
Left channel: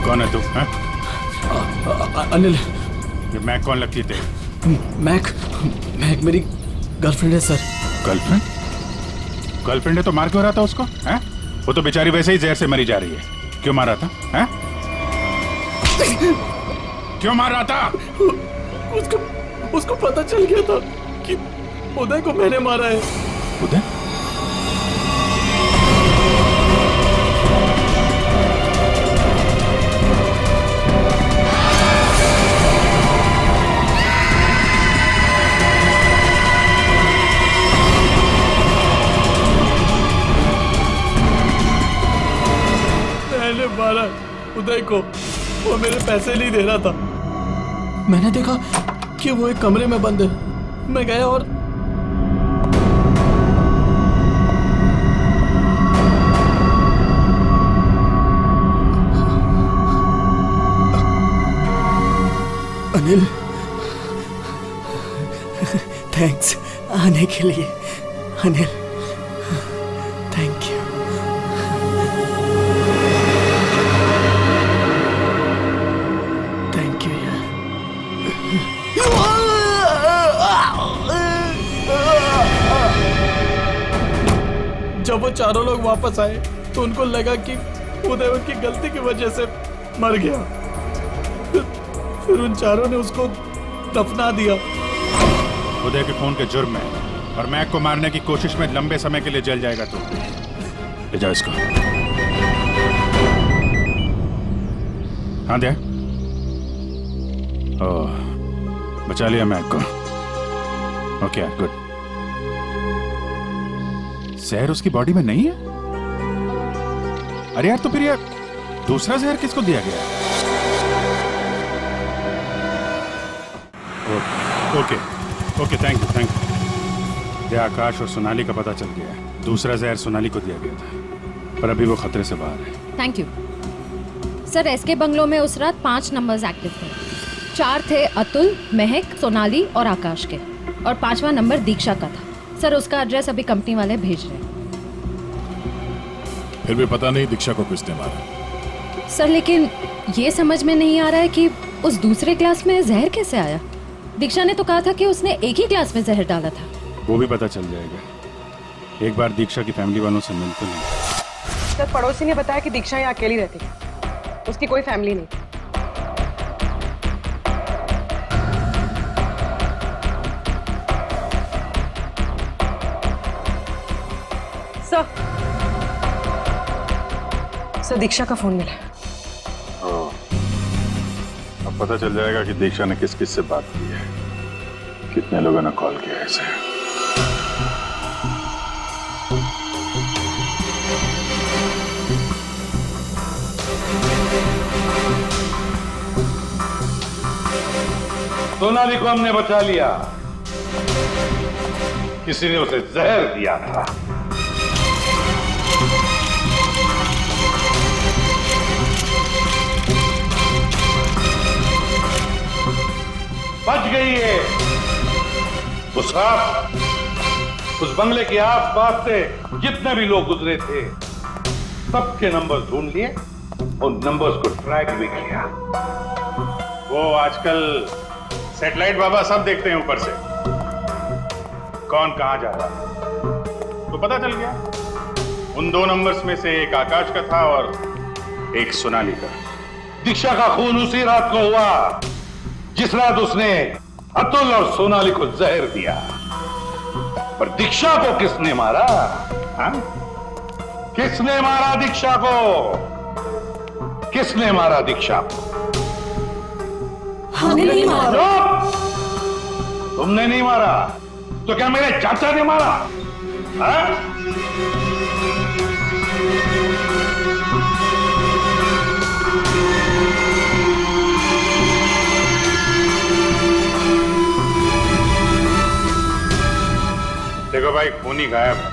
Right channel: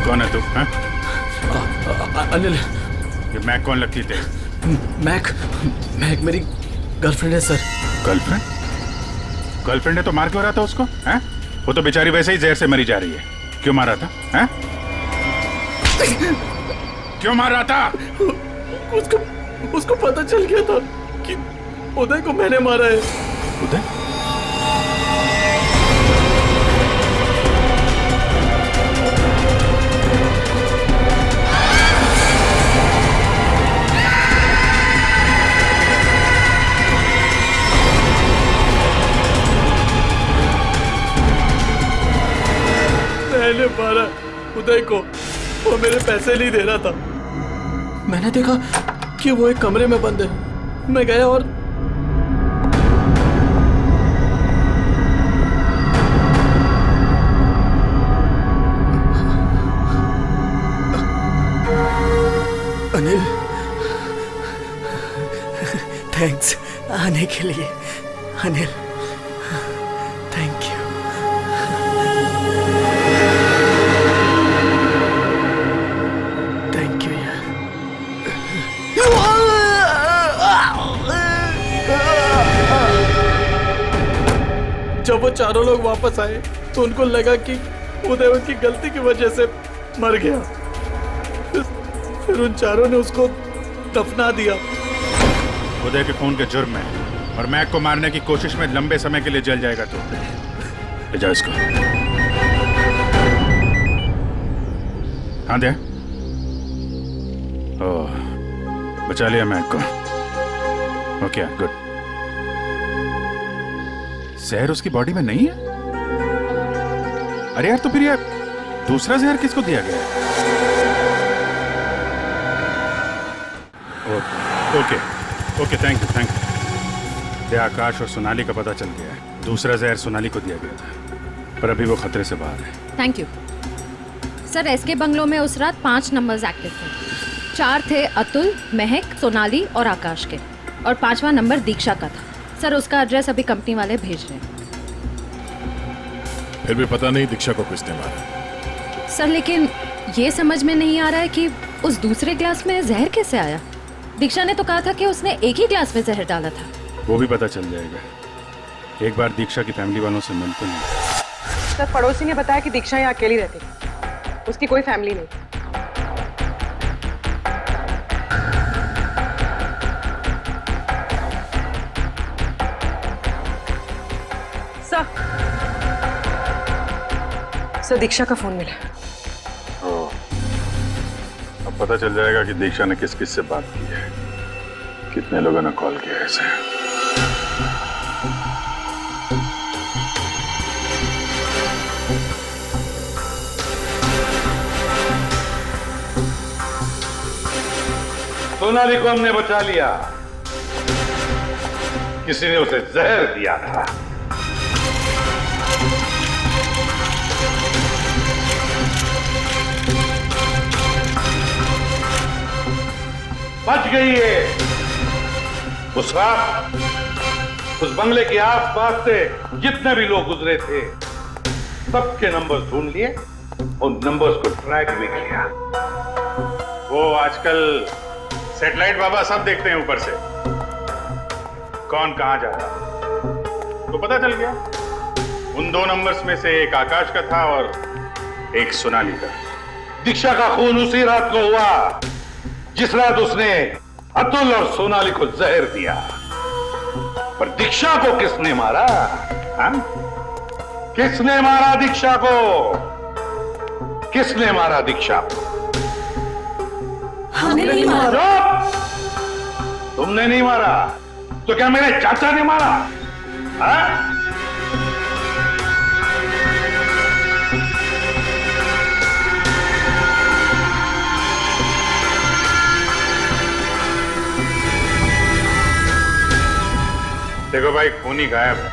कौन है तू? अनिल। ये मैक कौन लगती थे? मैक मेरी गर्लफ्रेंड है सर। गर्लफ्रेंड? गर्लफ्रेंड है तो मार क्यों रहा था उसको? हैं? वो तो बेचारी वैसे ही जहर से मरी जा रही है। क्यों मार रहा था? हैं? क्यों मार रहा था? उसको पता चल गया था कि उदय को मैंने मारा है। उदय? मैंने मारा उदय को, वो मेरे पैसे नहीं दे रहा था। मैंने देखा कि वो एक कमरे में बंद है। मैं गया और अनिल, थैंक्स आने के लिए। Anil, thank you. Thank you यार। जब वो चारों लोग वापस आए तो उनको लगा कि उदय उनकी गलती की वजह से मर गया। फिर उन चारों ने उसको दफना दिया। उदय के खून के जुर्म में और मैक को मारने की कोशिश में लंबे समय के लिए जल जाएगा तू। ले जाओ इसको। हाँ दे। ओह, बचा लिया मैक को। Okay, good. जहर उसकी बॉडी में नहीं है? अरे यार, तो फिर यार दूसरा जहर किसको दिया गया है? Okay, thank you. आकाश और सोनाली का पता चल गया है। दूसरा जहर सोनाली को दिया गया था, पर अभी वो खतरे से बाहर है। Thank you sir. SK bungalow में उस रात 5 नंबर्स एक्टिव थे। 4 थे अतुल, महक, सोनाली और आकाश के, और 5वां नंबर दीक्षा का था। सर, उसका एड्रेस अभी कंपनी वाले भेज रहे हैं। फिर भी पता नहीं दीक्षा को किसने मारा। सर, लेकिन ये समझ में नहीं आ रहा है कि उस दूसरे ग्लास में जहर कैसे आया। दीक्षा ने तो कहा था कि उसने एक ही ग्लास में जहर डाला था। वो भी पता चल जाएगा। एक बार दीक्षा की फैमिली वालों से मिल तो नहीं। सर, पड़ोसी ने बताया कि दीक्षा यहाँ अकेली रहती है, उसकी कोई फैमिली नहीं। सर, दीक्षा का फोन मिला। अब पता चल जाएगा कि दीक्षा ने किस किस से बात की है। कितने लोगों ने कॉल किया ऐसे? सोनाली को हमने बचा लिया। किसी ने उसे जहर दिया था। बच गई है। उस रात उस बंगले के आसपास से जितने भी लोग गुजरे थे सबके नंबर्स ढूंढ लिए और नंबर्स को ट्रैक भी किया। वो आजकल सैटेलाइट बाबा सब देखते हैं ऊपर से, कौन कहां जा रहा है। तो पता चल गया उन 2 नंबर्स में से एक आकाश का था और एक सोनाली का। दीक्षा का खून उसी रात को हुआ जिस रात उसने अतुल और सोनाली को जहर दिया। पर दीक्षा को किसने मारा? हाँ? किसने मारा दीक्षा को? किसने मारा दीक्षा को? हमने नहीं मारा। तुमने नहीं मारा तो क्या मेरे चाचा ने मारा? हाँ? देखो भाई, खूनी गायब है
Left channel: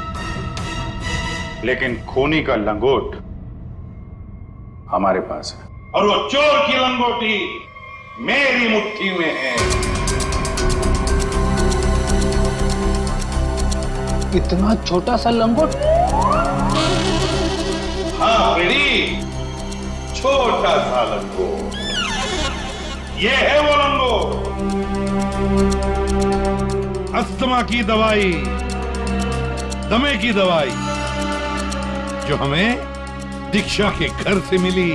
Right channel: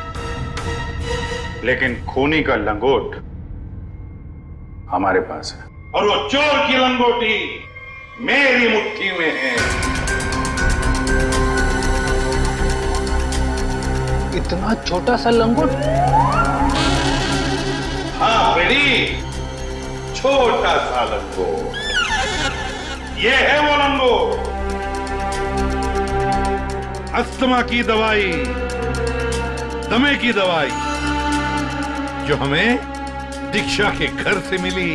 लेकिन खूनी का लंगोट हमारे पास है। और वो चोर की लंगोटी मेरी मुट्ठी में है। इतना छोटा सा लंगोट? हाँ बेटी, छोटा सा लंगोट। ये है वो लंगोट। अस्थमा की दवाई, दमे की दवाई जो हमें दीक्षा के घर से मिली।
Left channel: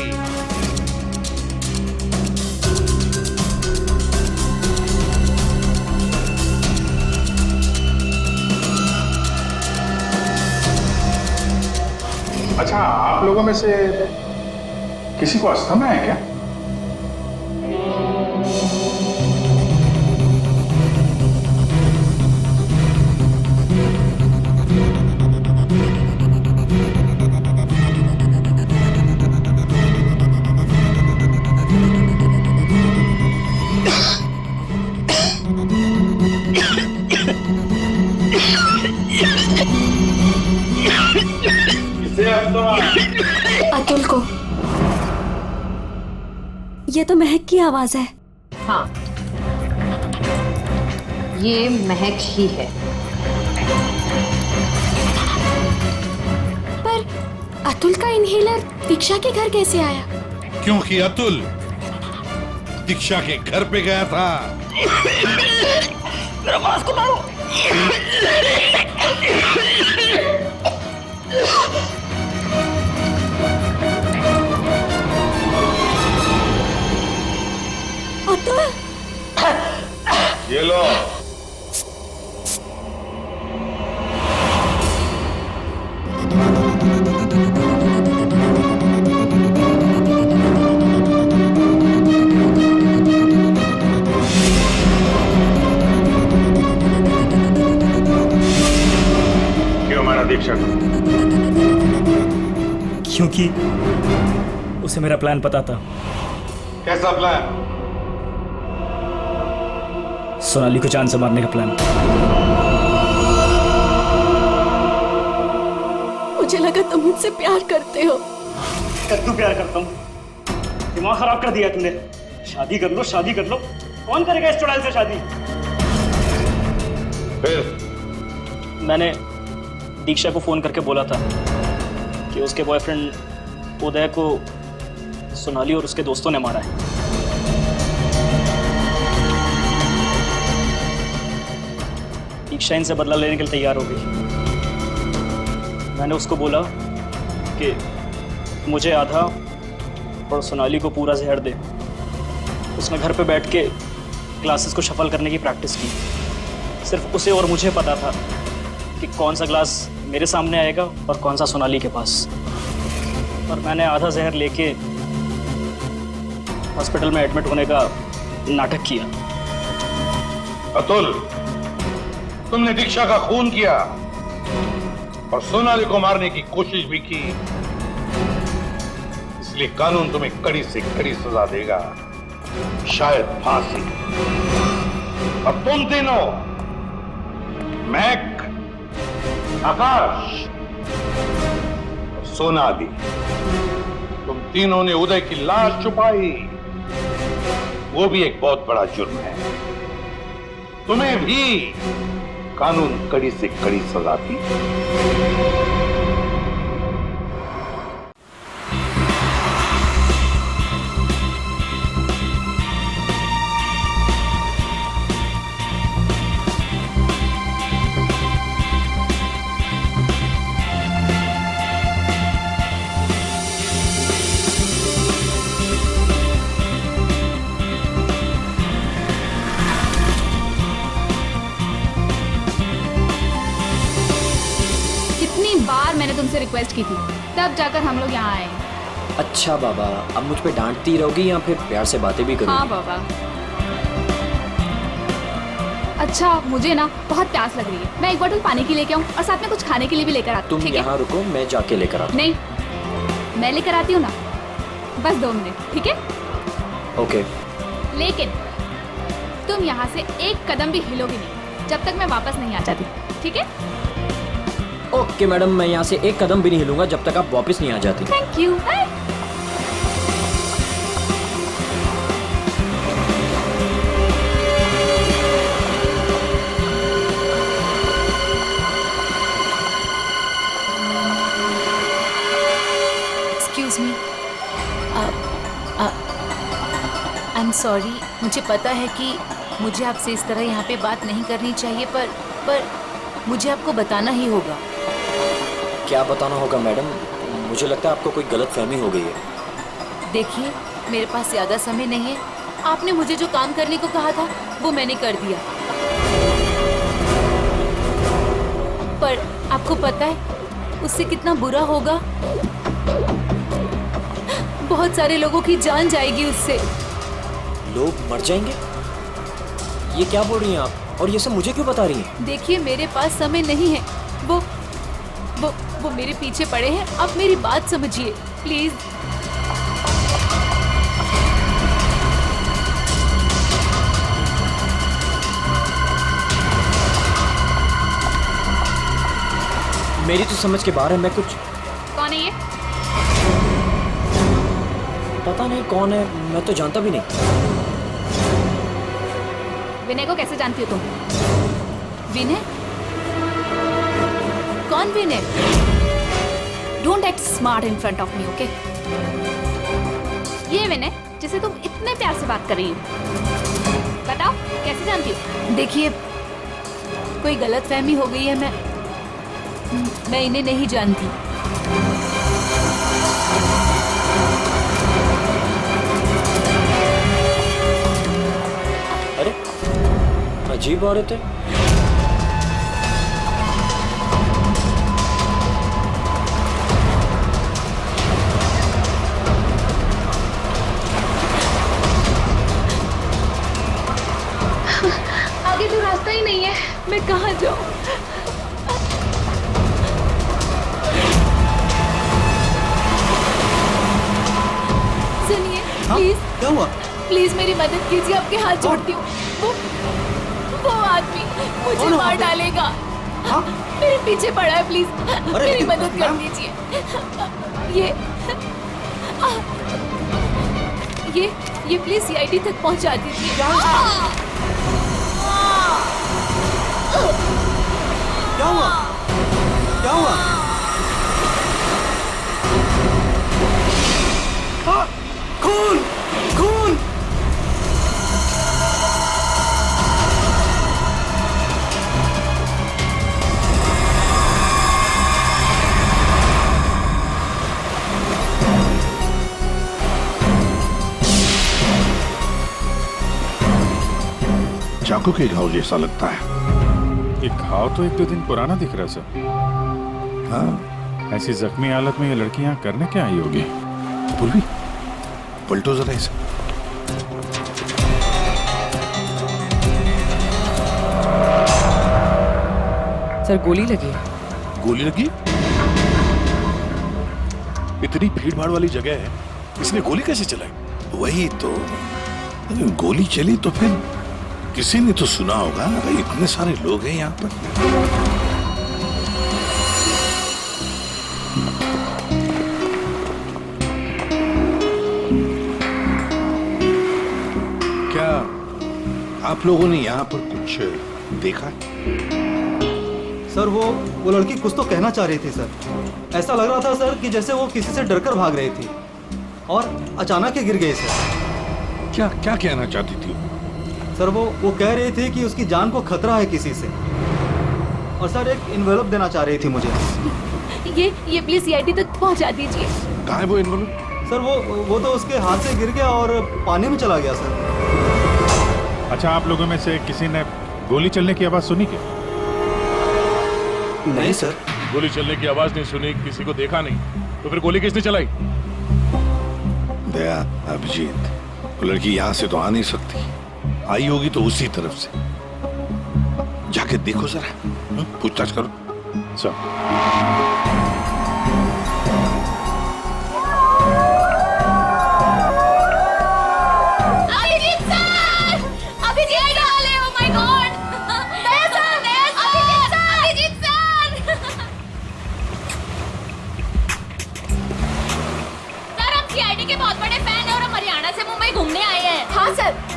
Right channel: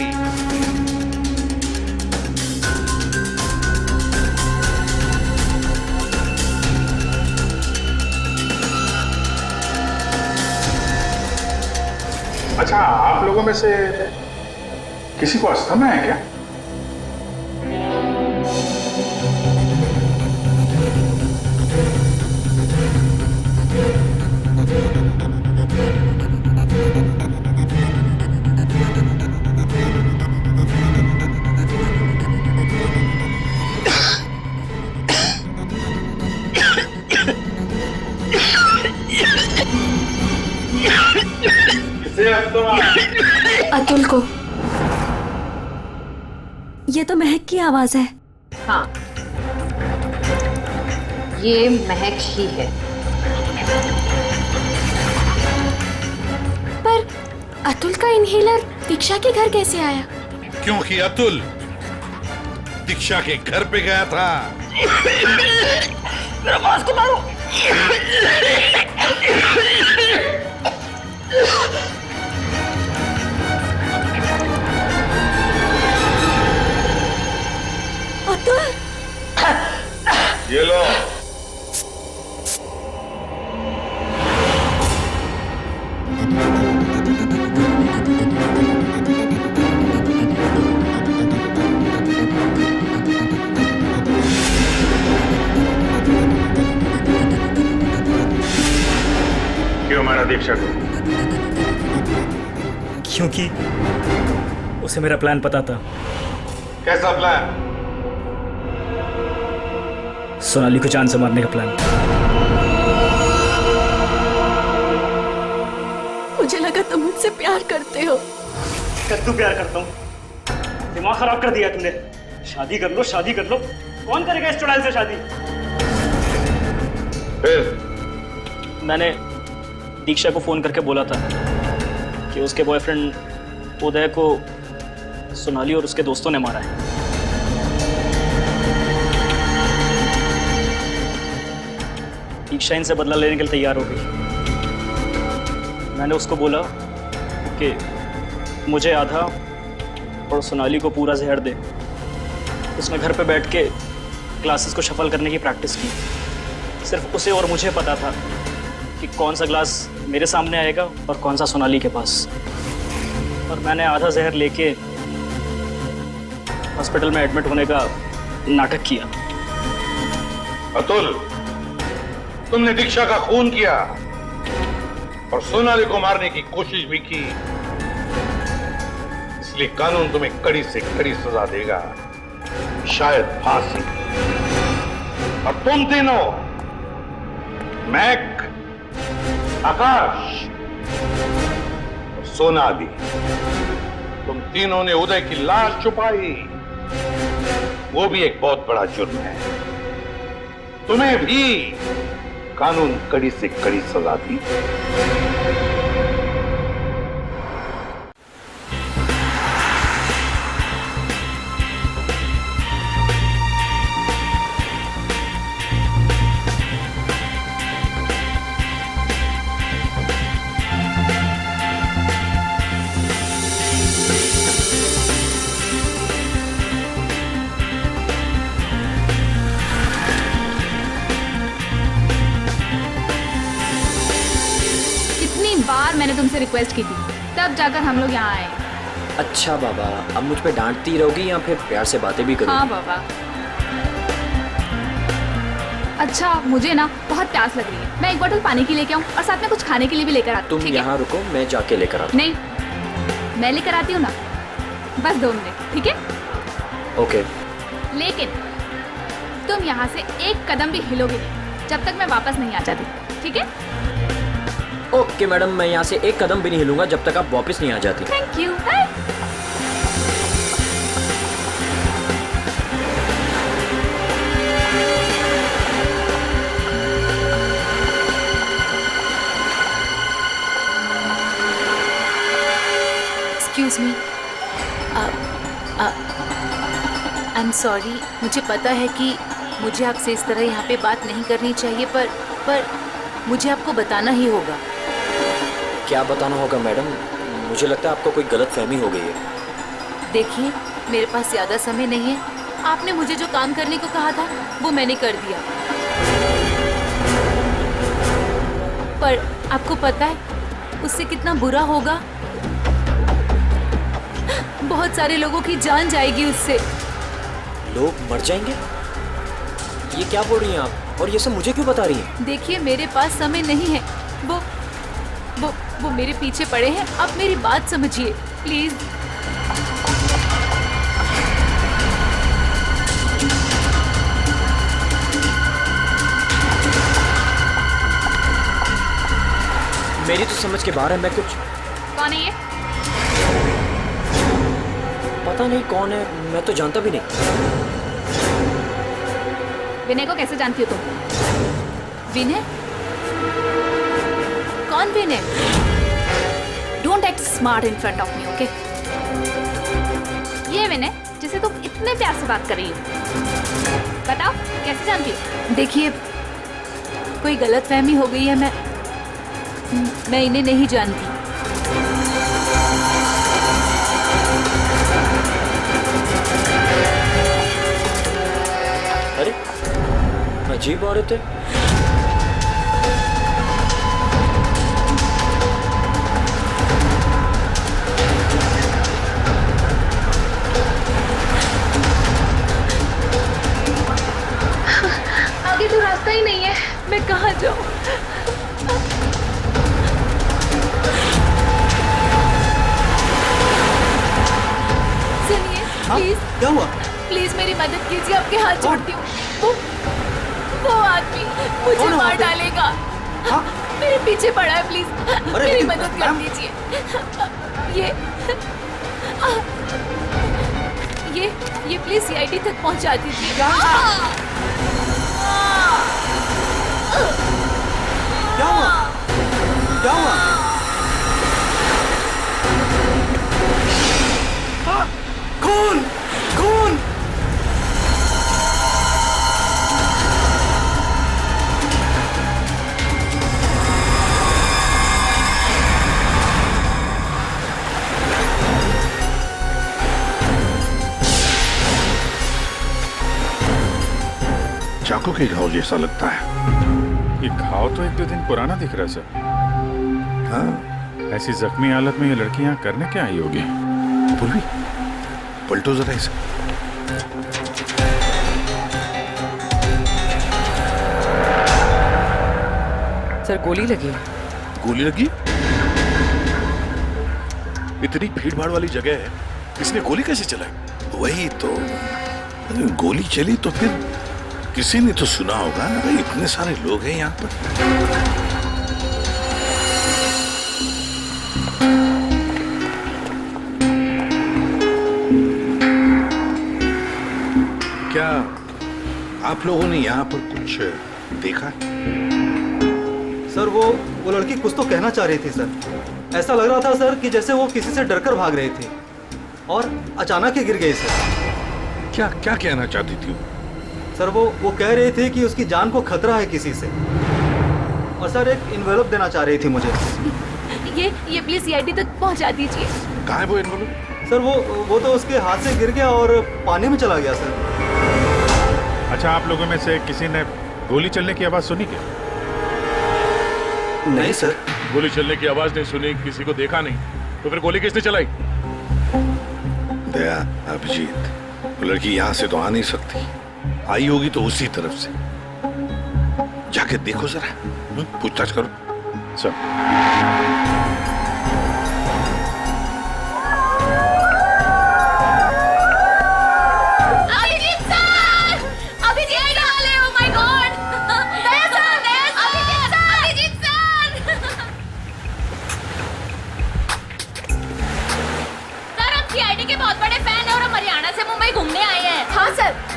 अच्छा, आप लोगों में से किसी को अस्थमा है क्या? अतुल को। ये तो महक की आवाज है। हाँ, ये महक ही है। पर अतुल का इनहेलर दीक्षा के घर कैसे आया? क्योंकि अतुल दीक्षा के घर पे गया था। मेरा मास्क उतारो। अतुल, ये लो। क्यों मारा दीक्षा को? क्योंकि उसे मेरा प्लान पता था। कैसा प्लान? सोनाली को जान से मारने का प्लान। मुझे लगा तुम मुझसे प्यार करते हो। कद्दू प्यार करता हूँ? दिमाग खराब कर दिया तुमने। शादी कर लो, शादी कर लो। कौन करेगा इस चुड़ैल से शादी? फिर मैंने दीक्षा को फोन करके बोला था कि उसके बॉयफ्रेंड उदय को सोनाली और उसके दोस्तों ने मारा है। दीक्षा इनसे बदला लेने के लिए तैयार हो गई। मैंने उसको बोला कि मुझे आधा और सोनाली को पूरा जहर दे। उसने घर पे बैठ के क्लासेस को शफल करने की प्रैक्टिस की। सिर्फ उसे और मुझे पता था कि कौन सा ग्लास मेरे सामने आएगा और कौन सा सोनाली के पास। और मैंने आधा जहर लेके हॉस्पिटल में एडमिट होने का नाटक किया। अतुल, तुमने दीक्षा का खून किया और सोनाली को मारने की कोशिश भी की, इसलिए कानून तुम्हें कड़ी से कड़ी सजा देगा, शायद फांसी। और तुम तीनों, मैक, आकाश और सोनाली, तुम तीनों ने उदय की लाश छुपाई, वो भी एक बहुत बड़ा जुर्म है। तुम्हें भी कानून कड़ी से कड़ी सजा दी। कितनी बार मैंने तुमसे रिक्वेस्ट की थी, तब जाकर हम लोग यहाँ आए। अच्छा बाबा, अब मुझ पे डांटती रहोगी या फिर प्यार से बातें भी करोगी? हाँ बाबा। अच्छा, मुझे ना बहुत प्यास लग रही है, मैं एक बोतल पानी की लेके आऊँ और साथ में कुछ खाने के लिए भी लेकर आती हूँ। तुम यहाँ रुको, मैं जाके लेकर आता हूँ। नहीं, मैं लेकर आती हूँ ना, बस 2 मिनट, ठीक है? ओके। लेकिन तुम यहाँ से एक कदम भी हिलोगे नहीं जब तक मैं वापस नहीं आ जाती, ठीक है? ओके मैडम, मैं यहाँ से एक कदम भी नहीं हिलूंगा जब तक आप वापस नहीं आ जाती। Thank you. Bye. Excuse me, I am sorry. मुझे पता है कि मुझे आपसे इस तरह यहाँ पे बात नहीं करनी चाहिए, पर मुझे आपको बताना ही होगा। क्या बताना होगा मैडम? मुझे लगता है आपको कोई गलतफहमी हो गई है। देखिए, मेरे पास ज़्यादा समय नहीं है। आपने मुझे जो काम करने को कहा था वो मैंने कर दिया, पर आपको पता है उससे कितना बुरा होगा? बहुत सारे लोगों की जान जाएगी उससे। लोग मर जाएंगे? ये क्या बोल रही हैं आप? और ये सब मुझे क्यों बता रही हैं? देखिए, मेरे पास समय नहीं है। वो मेरे पीछे पड़े हैं। आप मेरी बात समझिए प्लीज। मेरी तो समझ के बाहर है। मैं कुछ... कौन है ये? पता नहीं कौन है, मैं तो जानता भी नहीं। विनय को कैसे जानती हो तुम? विनय? कौन Vinay? Don't act smart in front of me, okay? ये विनय जिसे तुम इतने प्यार से बात कर रही हो, बताओ कैसे जानती हो? देखिए, कोई गलतफहमी हो गई है। मैं इन्हें नहीं जानती। अरे, अजीब औरत है। आगे तो रास्ता ही नहीं है, मैं कहाँ जाऊँ? सुनिए, प्लीज। क्या हुआ? प्लीज मेरी मदद कीजिए, आपके हाथ जोड़ती हूँ। वो आदमी मुझे मार डालेगा। हाँ? मेरे पीछे पड़ा है, प्लीज मेरी मदद कर दीजिए। ये प्लीज सीआईडी तक पहुंचा दीजिए। क्या हुआ? क्या हुआ? खून! खून! चाकू के घाव जैसा लगता है। ये घाव तो 1-2 दिन पुराना दिख रहा है सर। हाँ, ऐसी जख्मी हालत में ये लड़की यहाँ करने क्या आई होगी? पूर्वी, पलटो जरा इसे। सर गोली लगी है। गोली लगी? इतनी भीड़ भाड़ वाली जगह है, इसने गोली कैसे चलाई? वही तो, अगर गोली चली तो फिर किसी ने तो सुना होगा। भाई इतने सारे लोग हैं यहाँ पर। क्या आप लोगों ने यहाँ पर कुछ देखा? सर वो लड़की कुछ तो कहना चाह रही थी सर। ऐसा लग रहा था सर कि जैसे वो किसी से डरकर भाग रही थी और अचानक ही गिर गई सर। क्या क्या कहना चाहती थी सर? वो कह रही थी कि उसकी जान को खतरा है किसी से, और सर एक इन्वेलप देना चाह रही थी मुझे। ये प्लीज सीआईडी तक पहुंचा दीजिए। कहाँ है वो इन्वेलप? सर वो तो उसके हाथ से गिर गया और पानी में चला गया सर। अच्छा, आप लोगों में से किसी ने गोली चलने की आवाज सुनी क्या? नहीं सर। गोली चलने की आवाज नहीं सुनी, किसी को देखा नहीं, तो फिर गोली किसने चलाई? दया, अभिजीत, वो लड़की यहाँ से तो आ नहीं सकती। आई होगी तो उसी तरफ से। जाके देखो जरा, पूछताछ करो।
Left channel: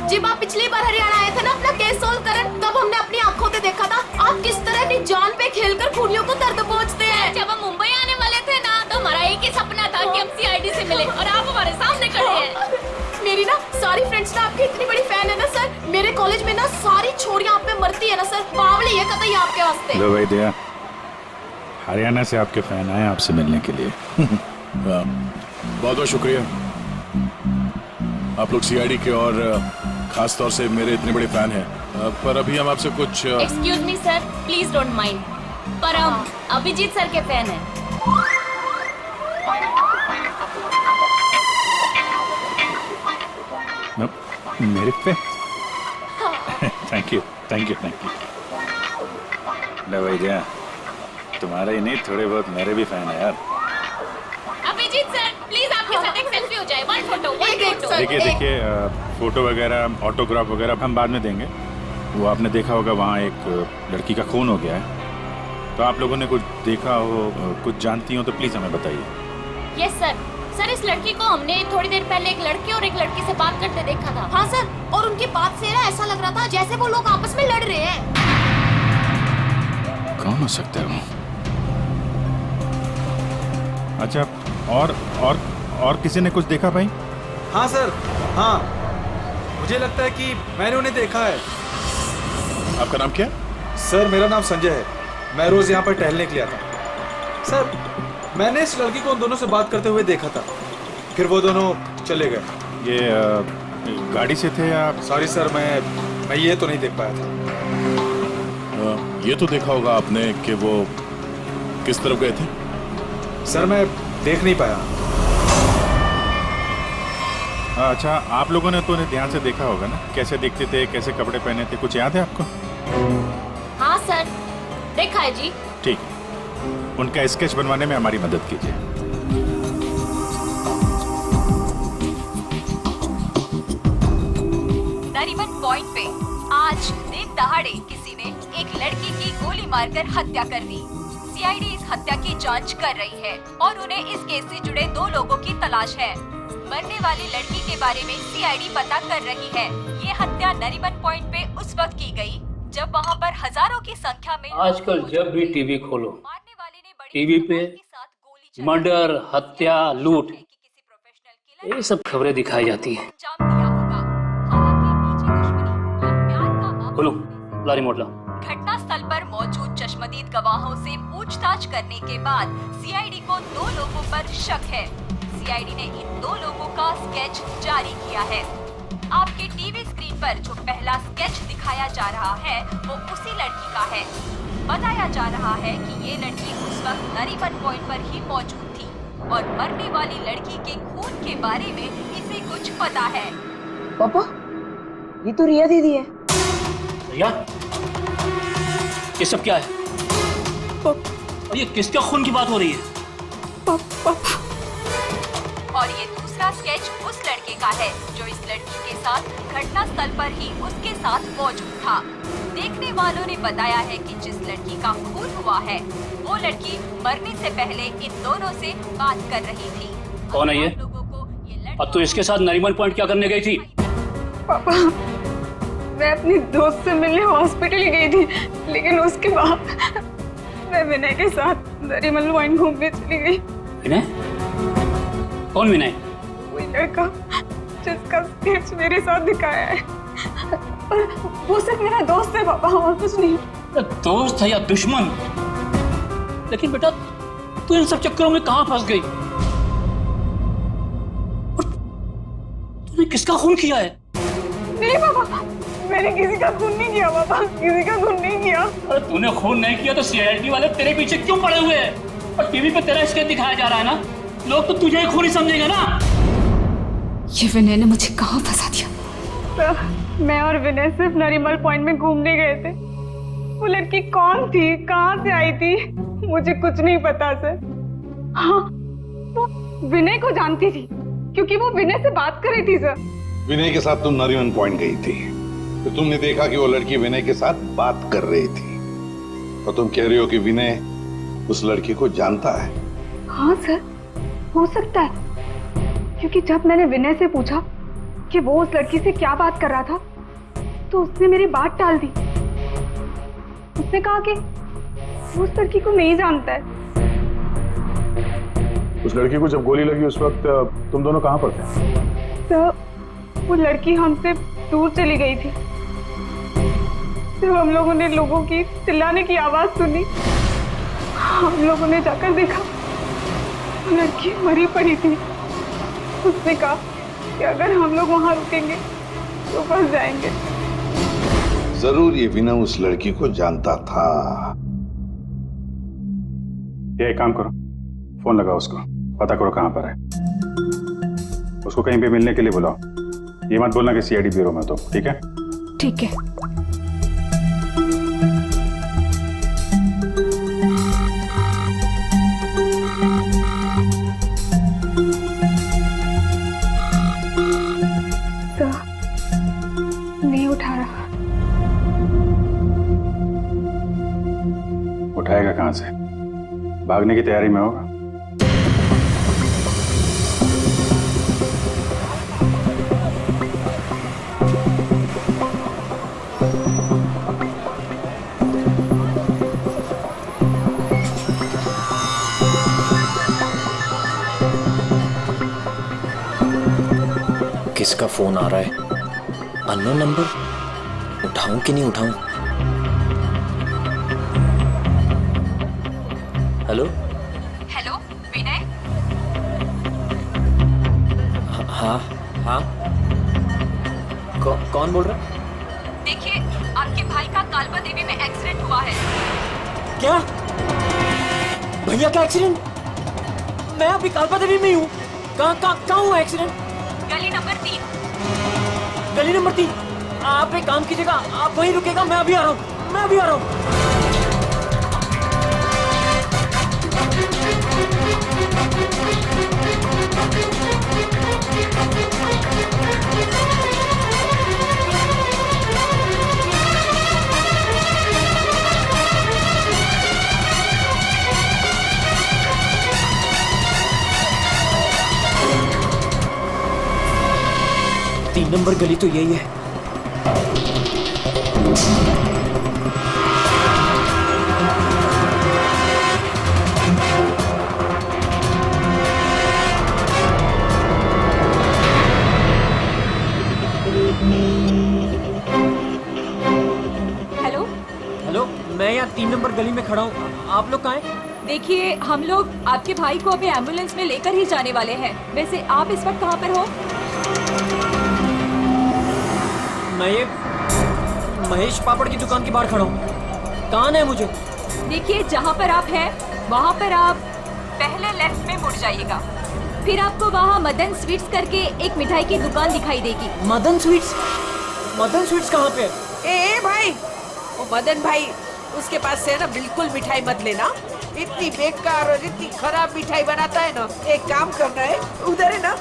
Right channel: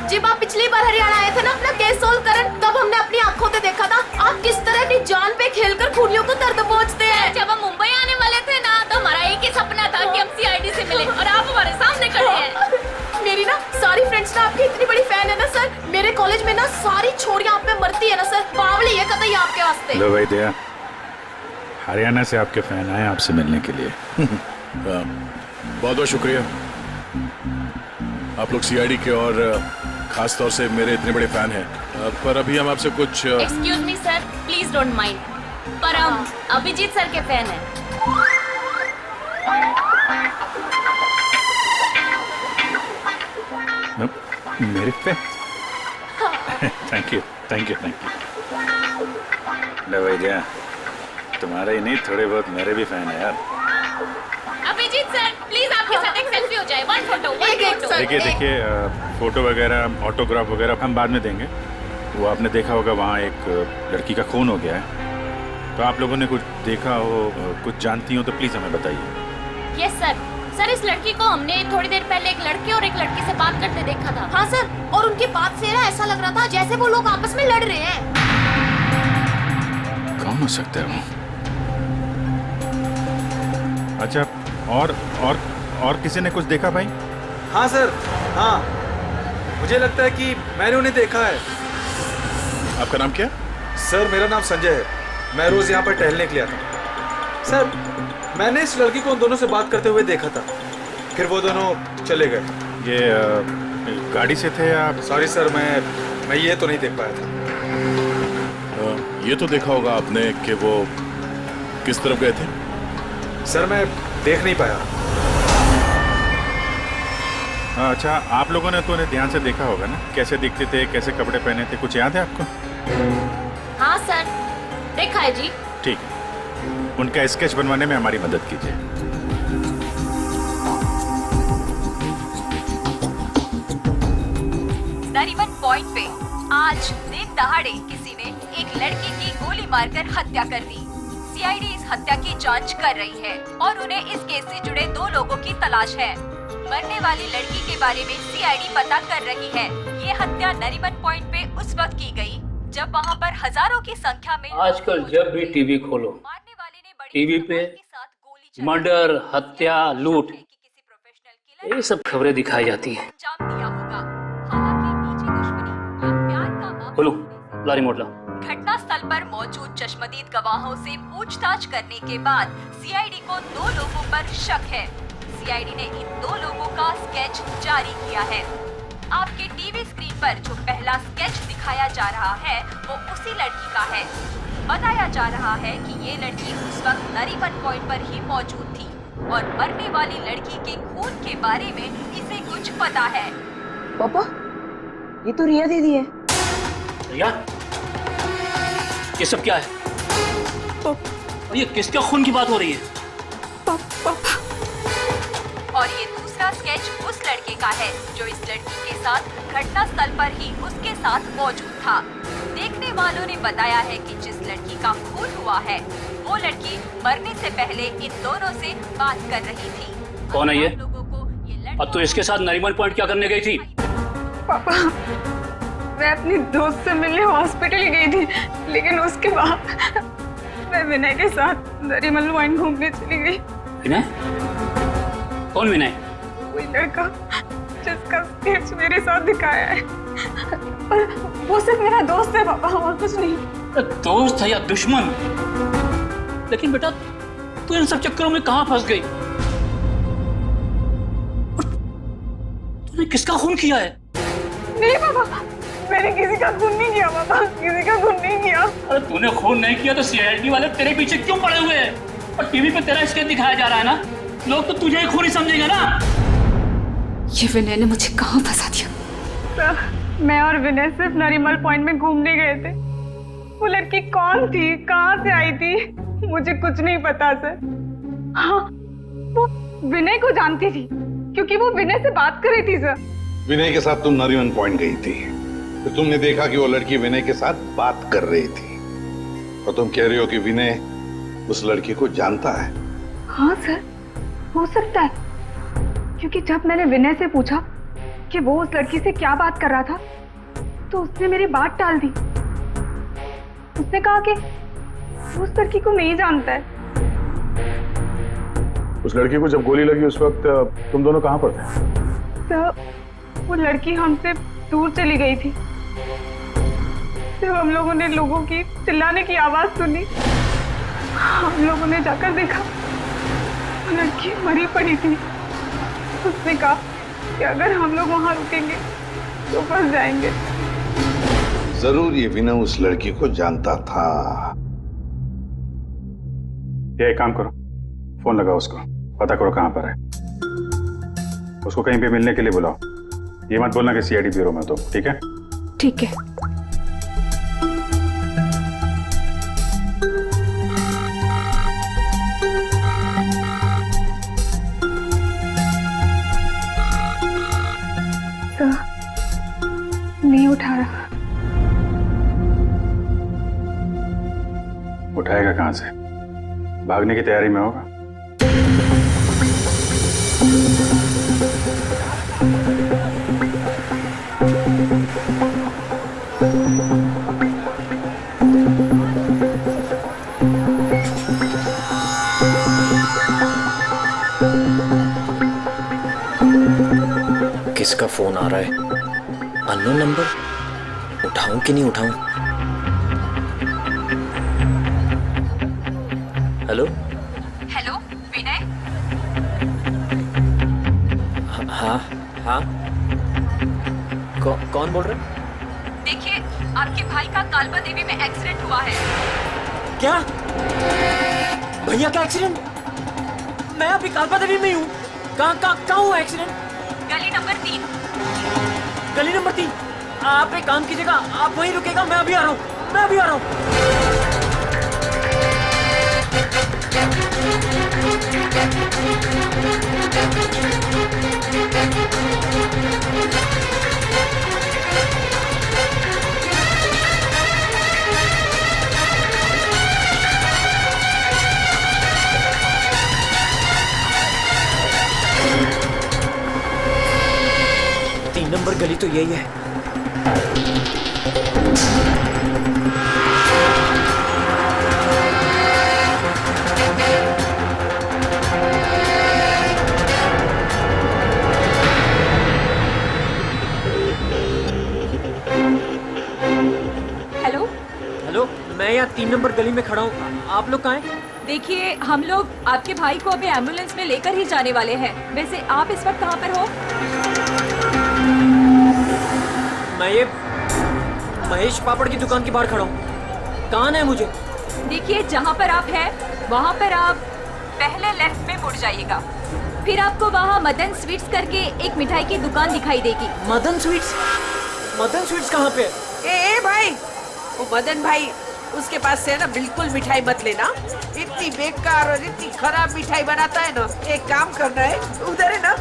जब आप पिछली बार हरियाणा आए थे ना अपना केस सोल्व करन, तब हमने अपनी आंखों से देखा था आप किस तरह अपनी जान पे खेलकर खूनियों को दर्द पहुंचते हैं। जब हम मुंबई आने वाले थे ना, तो हमारा एक ही सपना था कि हम सीआईडी से मिले, और आप हमारे सामने खड़े हैं। मेरी ना सारी फ्रेंड्स ना आपकी इतनी बड़ी फैन है ना सर। मेरे कॉलेज में ना सारी छोरियां आप पे मरती है ना सर। बावली है कतई आपके वास्ते। लो भाई दया, हरियाणा से आपके फैन आए आपसे मिलने के लिए। बहुत बहुत शुक्रिया। आप लोग सीआईडी के और खास तौर से मेरे इतने बड़े फैन हैं, पर अभी हम आपसे कुछ excuse me sir, please don't mind, पर हम अभिजीत सर के फैन हैं। मेरे फैन? Thank you thank you thank you. लो भाई दया, तुम्हारे ही नहीं थोड़े बहुत मेरे भी फैन है यार। अभिजीत सर प्लीज आपके साथ एक सेल्फी हो जाए। One photo. देखिए फोटो वगैरह ऑटोग्राफ वगैरह हम बाद में देंगे। वो आपने देखा होगा वहाँ एक लड़की का खून हो गया है, तो आप लोगों ने कुछ देखा हो, कुछ जानती हो तो प्लीज हमें बताइए। Yes sir. सर इस लड़की को हमने थोड़ी देर पहले एक लड़के और एक लड़की से बात करते देखा था। हाँ सर, और उनकी बात से ना ऐसा लग रहा था जैसे वो लोग आपस में लड़ रहे हैं। कौन हो सकता है वो? अच्छा, और किसी ने कुछ देखा भाई? हाँ सर, हाँ मुझे लगता है कि मैंने उन्हें देखा है। आपका नाम क्या? सर मेरा नाम संजय है, मैं रोज यहाँ पर टहलने के लिए आता हूँ। सर मैंने इस लड़की को उन दोनों से बात करते हुए देखा था, फिर वो दोनों चले गए। ये गाड़ी से थे या? सॉरी सर, मैं ये तो नहीं देख पाया था। ये तो देखा होगा आपने कि वो किस तरफ गए थे? सर मैं देख नहीं पाया। अच्छा, आप लोगों ने तो उन्हें ध्यान से देखा होगा ना, कैसे दिखते थे, कैसे कपड़े पहने थे, कुछ याद है आपको? हाँ सर, देखा है जी। ठीक है, उनका स्केच बनवाने में हमारी मदद कीजिए। नरीमन पॉइंट पे आज दिन दहाड़े किसी ने एक लड़की की गोली मारकर हत्या कर दी। सीआईडी इस हत्या की जांच कर रही है और उन्हें इस केस से जुड़े 2 लोगों की तलाश है। मरने वाली लड़की के बारे में सीआईडी पता कर रही है। ये हत्या नरीमन पॉइंट पे उस वक्त की गई जब वहाँ पर हजारों की संख्या में आजकल जब भी टीवी खोलो, टीवी पे मर्डर, हत्या, लूट, ये सब खबरें दिखाई जाती हैं। खोलो, ला रिमोट ला। घटना स्थल पर मौजूद चश्मदीद गवाहों से पूछताछ करने के बाद सीआईडी को 2 लोगों पर शक है। सीआईडी ने इन 2 लोगों का स्केच जारी किया है। आपके टीवी स्क्रीन पर जो पहला स्केच दिखाया जा रहा है वो उसी लड़की का है। बताया जा रहा है कि ये लड़की उस वक्त नरीमन पॉइंट पर ही मौजूद थी और मरने वाली लड़की के खून के बारे में इसे कुछ पता है। पापा, ये तो रिया दीदी है। रिया, ये सब क्या है? और ये किसके खून की बात हो रही है? और ये दूसरा स्केच उस लड़के का है जो इस लड़की के साथ घटना स्थल पर ही उसके साथ मौजूद था। देखने वालों ने बताया है कि जिस लड़की का खून हुआ है वो लड़की मरने से पहले इन दोनों से बात कर रही थी। कौन है ये? अब तू इसके साथ नरीमन पॉइंट क्या करने गई थी? पापा, मैं अपनी दोस्त से मिलने हॉस्पिटल गई थी, लेकिन उसके बाद मैं विनय के साथ नरीमन पॉइंट घूमने चली गई। विनय? कौन विनय? वही लड़का जिसका स्केच मेरे साथ दिखाया है, और वो सिर्फ मेरा दोस्त है पापा, और कुछ नहीं। दोस्त है या दुश्मन? लेकिन बेटा तू इन सब चक्करों में कहां फंस गई? तूने किसका खून किया है? नहीं पापा, मैंने किसी का खून नहीं किया पापा, किसी का खून नहीं किया। अरे तूने खून नहीं किया तो सीआईडी वाले तेरे पीछे क्यों पड़े हुए हैं? और टीवी पे तेरा स्केच दिखाया जा रहा है ना, लोग तो तुझे ही खूनी समझेंगे ना। ये विनय ने मुझे कहाँ फंसा दिया? सर, मैं और विनय सिर्फ नरीमल पॉइंट में घूमने गए थे। वो लड़की कौन थी, कहाँ से आई थी, मुझे कुछ नहीं पता सर। हाँ, वो विनय को जानती थी क्योंकि वो विनय से बात कर रही थी सर। विनय के साथ तुम नरीमन पॉइंट गई थी, तो तुमने देखा कि वो लड़की विनय के साथ बात कर रही थी, और तुम कह रही हो कि विनय उस लड़की को जानता है। हाँ सर, हो सकता है, क्योंकि जब मैंने विनय से पूछा कि वो उस लड़की से क्या बात कर रहा था, तो उसने मेरी बात टाल दी। उसने कहा कि वो उस लड़की को नहीं जानता है। उस लड़की को जब गोली लगी उस वक्त तुम दोनों कहाँ पर थे? सर, वो लड़की हमसे दूर चली गई थी। जब हम लोगों ने लोगों की चिल्लाने की आवाज सुनी, हम लोगों ने जाकर देखा वो लड़की मरी पड़ी थी। उसने कहा कि अगर हम लोग वहां रुकेंगे तो फंस जाएंगे। जरूर ये विनय उस लड़की को जानता था। ये एक काम करो, फोन लगाओ उसको, पता करो कहां पर है। उसको कहीं पे मिलने के लिए बुलाओ। ये मत बोलना कि सीआईडी ब्यूरो में तो, ठीक है? ठीक है। सर, नहीं उठा रहा। उठाएगा कहां से? भागने की तैयारी में होगा। किसका फोन आ रहा है? Unknown number? उठाऊं कि नहीं उठाऊं? हेलो? हेलो विनय? हाँ हाँ, कौन बोल रहा है? देखिए, आपके भाई का कालबा देवी में एक्सीडेंट हुआ है। क्या? भैया का एक्सीडेंट? मैं अभी कालबा देवी में हूँ। कहाँ हुआ एक्सीडेंट? गली नंबर 3। गली नंबर 3? आप एक काम कीजिएगा, आप वहीं रुकेगा, मैं अभी आ रहा हूँ, मैं अभी आ रहा हूँ। तीन नंबर गली तो यही है। हेलो? हेलो, मैं यहाँ 3 नंबर गली में खड़ा हूँ। आप लोग कहाँ हैं? देखिए, हम लोग आपके भाई को अभी एम्बुलेंस में लेकर ही जाने वाले हैं। वैसे आप इस वक्त कहाँ पर हो? मैं ये महेश पापड़ की दुकान के बाहर खड़ा हूँ। कहाँ है मुझे? देखिए, जहाँ पर आप हैं वहाँ पर आप पहले लेफ्ट में मुड़ जाइएगा, फिर आपको वहाँ मदन स्वीट्स करके एक मिठाई की दुकान दिखाई देगी। मदन स्वीट्स? मदन स्वीट्स कहाँ पे है? ए भाई, वो मदन भाई उसके पास से है ना बिल्कुल मिठाई मत लेना। इतनी बेकार और इतनी खराब मिठाई बनाता है ना। एक काम करना है, उधर है ना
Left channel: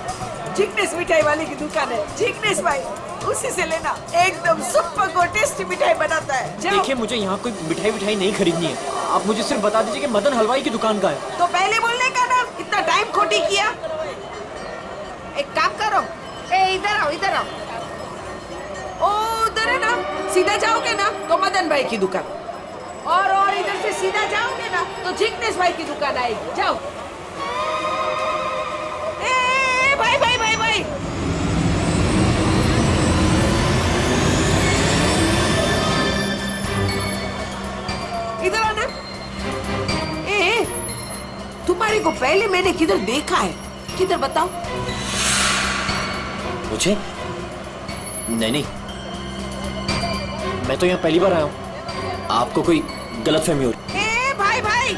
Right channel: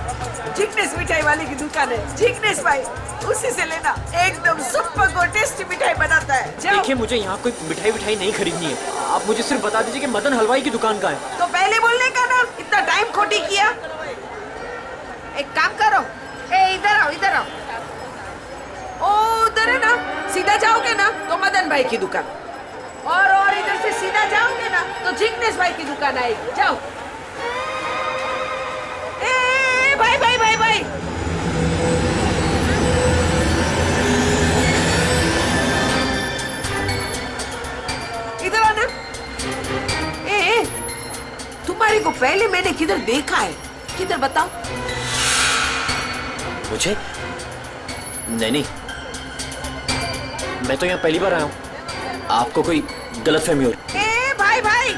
जिग्नेश मिठाई वाले की दुकान है, जिग्नेश भाई, उसी से लेना। एकदम सुपर और टेस्टी मिठाई बनाता है। जाओ। देखिए मुझे यहाँ कोई मिठाई नहीं खरीदनी है, आप मुझे सिर्फ बता दीजिए कि मदन हलवाई की दुकान का है। तो पहले बोलने का ना, इतना टाइम खोटी किया। एक काम करो, इधर आओ, इधर आओ। ओ उधर है ना, सीधा जाओगे ना तो मदन भाई की दुकान, और इधर से सीधा जाओगे ना तो जिग्नेश भाई की दुकान आएगी। जाओ। भाई भाई भाई भाई, इधर आना। तुम्हारे को पहले मैंने किधर देखा है? किधर बताओ। मुझे नहीं, मैं तो यहाँ पहली बार आया हूँ, आपको कोई गलतफहमी हो रही। भाई भाई,